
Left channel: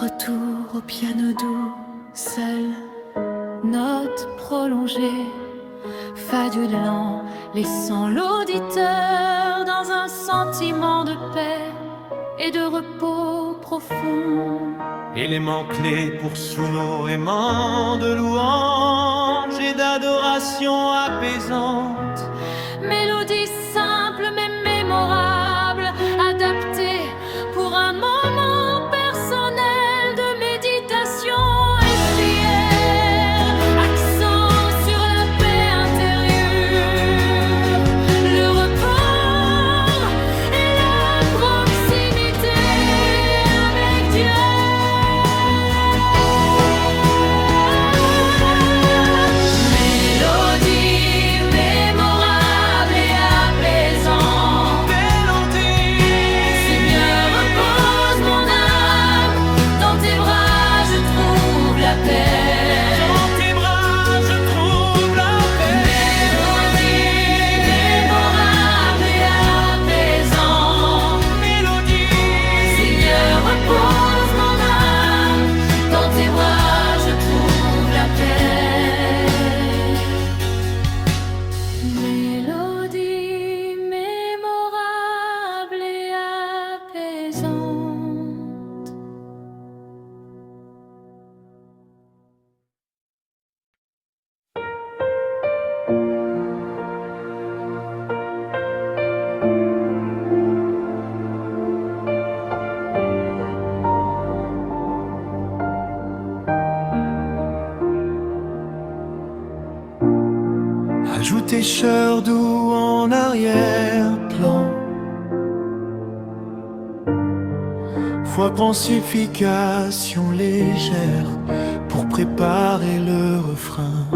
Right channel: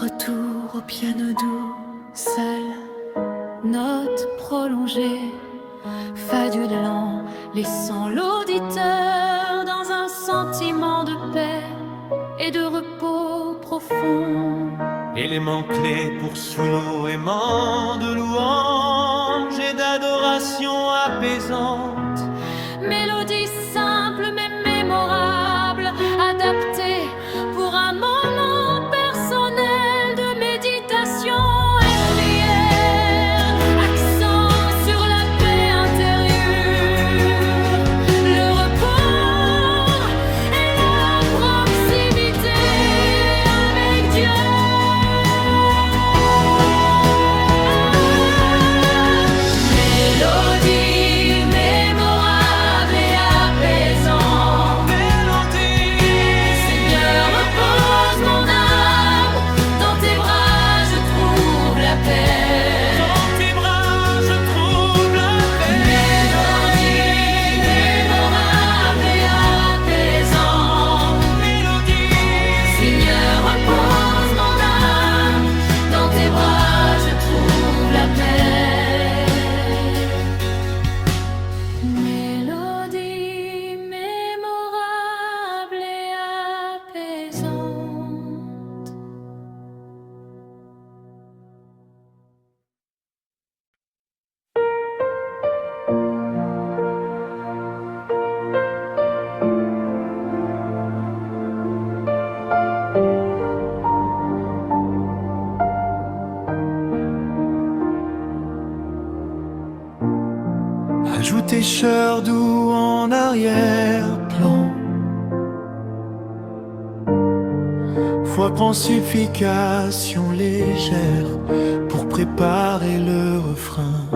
Retour au piano doux, seul, note prolongée, fa du lent, laissant l'auditeur dans un sentiment de paix et de repos profond. Élément clé pour sous nos aimants de louange et d'adoration apaisante. Mélodie simple mais mémorable, adaptée pour un moment personnel de méditation et prière. Accent sur la paix intérieure, le repos et la proximité avec Dieu. Mélodie mémorable et apaisante. Mélodie. Seigneur, repose mon âme. Dans tes bras, je trouve la paix. Dans tes bras, je trouve la paix. Mélodie mémorable et apaisante. Mélodie. Seigneur, repose mon âme. Dans tes bras, je trouve la paix. Mélodie mémorable et apaisante. Ajoutez chœur doux en arrière-plan. Foi pensification légère pour préparer le refrain.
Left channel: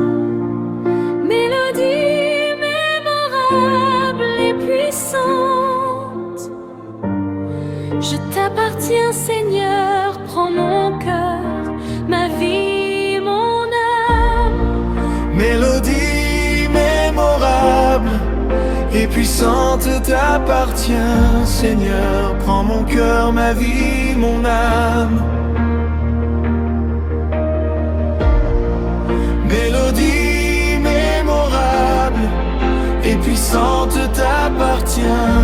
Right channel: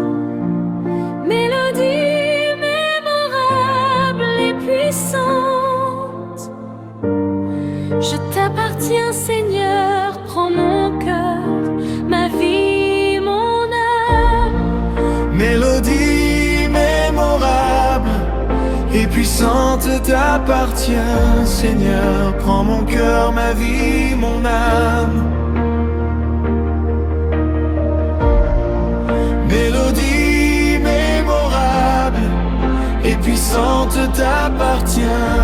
Mélodie mémorable et puissante. Je t'appartiens, Seigneur, prends mon cœur, ma vie, mon âme. Mélodie mémorable et puissante t'appartient, Seigneur. Prends mon cœur, ma vie, mon âme. Mélodie mémorable et puissante t'appartient,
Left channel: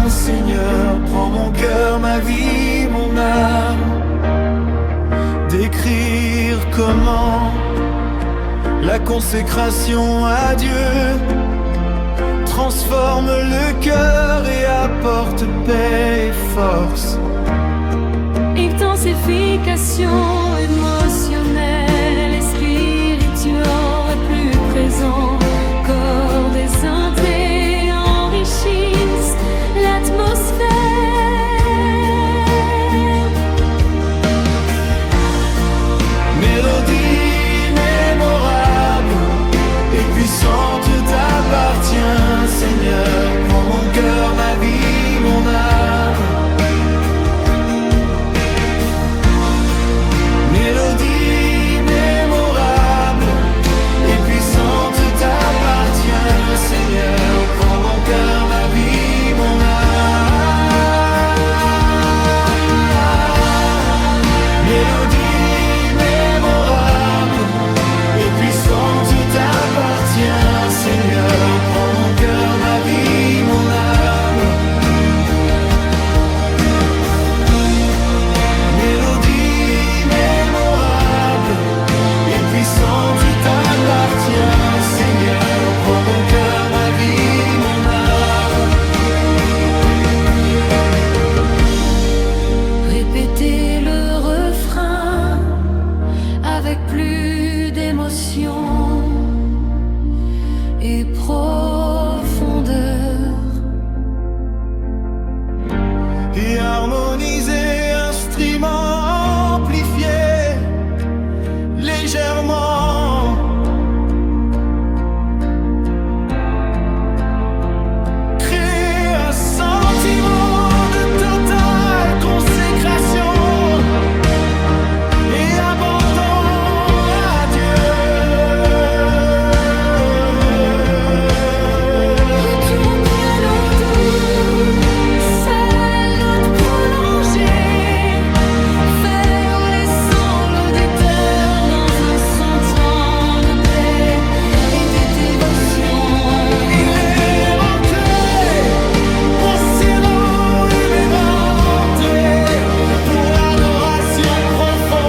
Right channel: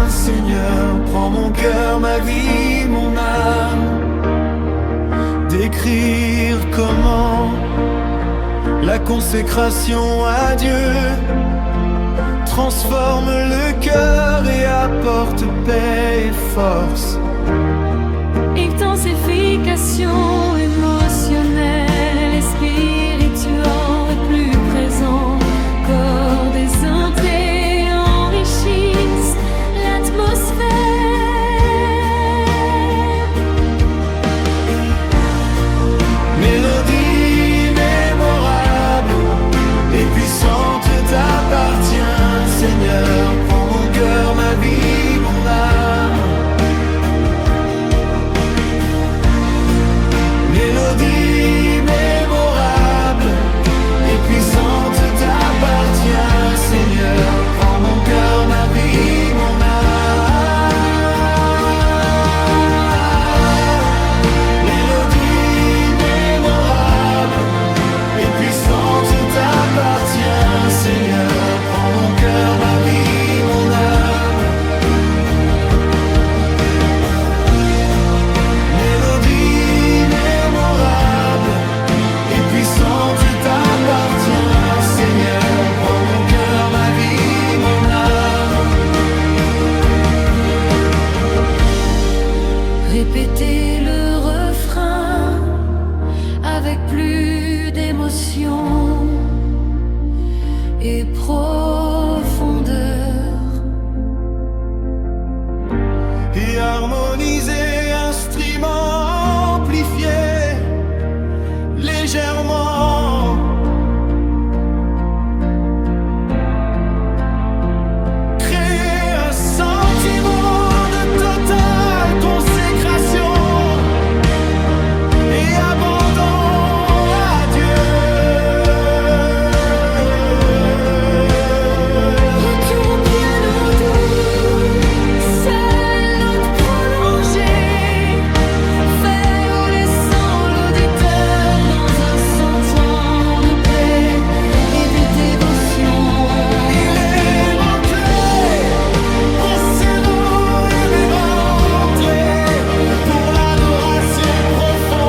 Seigneur. Prends mon cœur, ma vie, mon âme. Décrire comment la consécration à Dieu transforme le cœur et apporte paix et force. Intensification émotionnelle et spirituelle plus présent. Corps désinté enrichissent l'atmosphère. Mélodie mémorable et puissante t'appartient, Seigneur. Prends mon cœur, ma vie, mon âme. Mélodie mémorable et puissante t'appartient, Seigneur. Prends mon cœur, ma vie, mon âme. Mélodie mémorable et puissante t'appartient, Seigneur. Prends mon cœur, ma vie, répéter le refrain avec plus d'émotion et profondeur. Et harmoniser, instrument amplifié légèrement. Créer un sentiment de totale consécration et abandon à Dieu. Retour au piano doux, seule note prolongée, fait laissant l'auditeur dans un sentiment de paix et de dévotion. Élément clé pour scellons et mes rentrées, pour l'adoration profonde.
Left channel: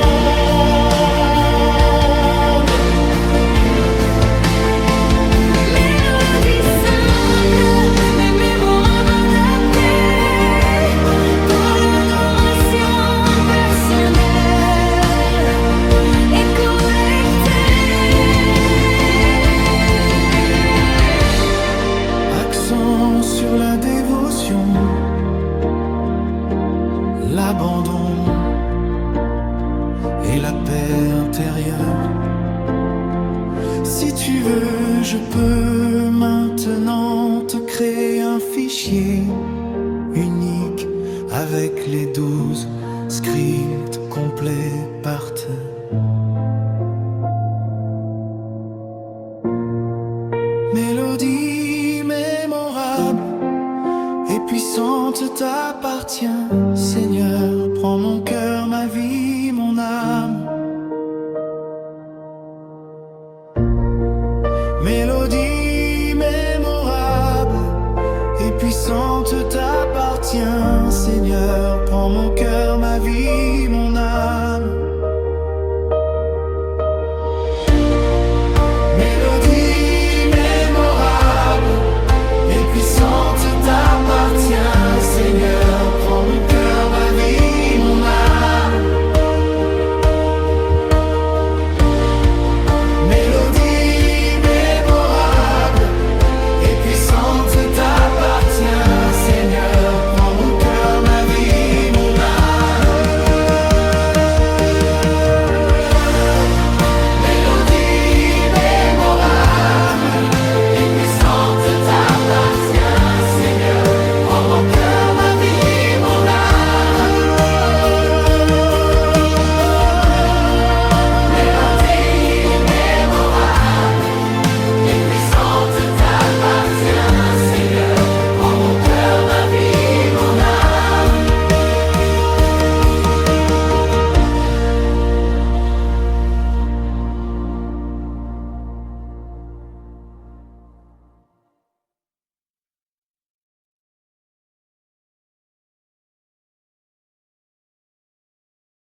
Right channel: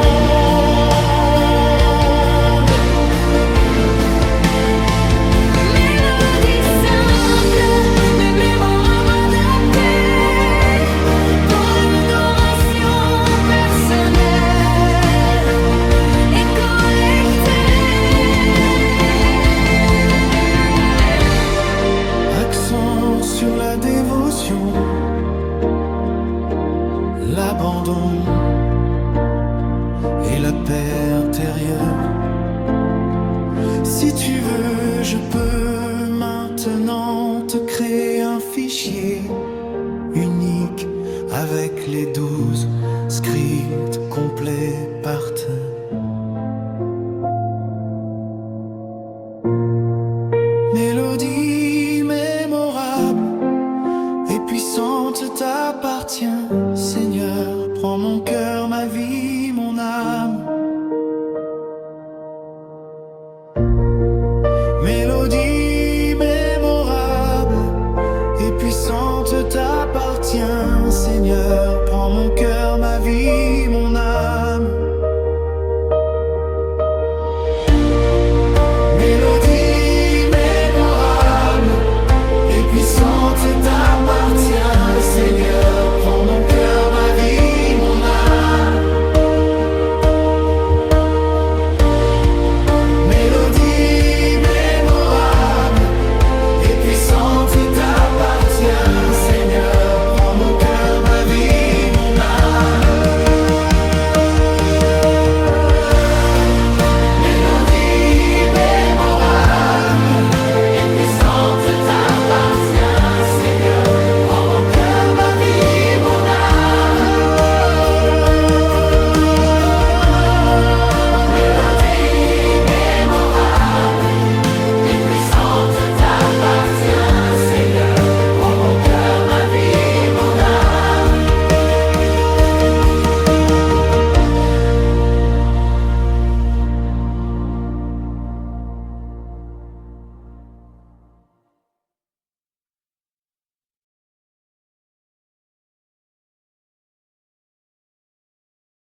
Mélodie simple, mais mémorable adaptée, pour l'adoration personnelle et collective. Accent sur la dévotion, l'abandon et la paix intérieure. Si tu veux, je peux maintenant te créer un fichier unique avec les 12 scripts complets par terre. Mélodie mémorable et puissante t'appartient, Seigneur. Prends mon cœur, ma vie, mon âme. Mélodie mémorable et puissante t'appartient, Seigneur. Prends mon cœur, ma vie, mon âme. Mélodie mémorable et puissante t'appartient, Seigneur. Prends mon cœur, ma vie, mon âme. Mélodie mémorable et puissante t'appartient, Seigneur. Prends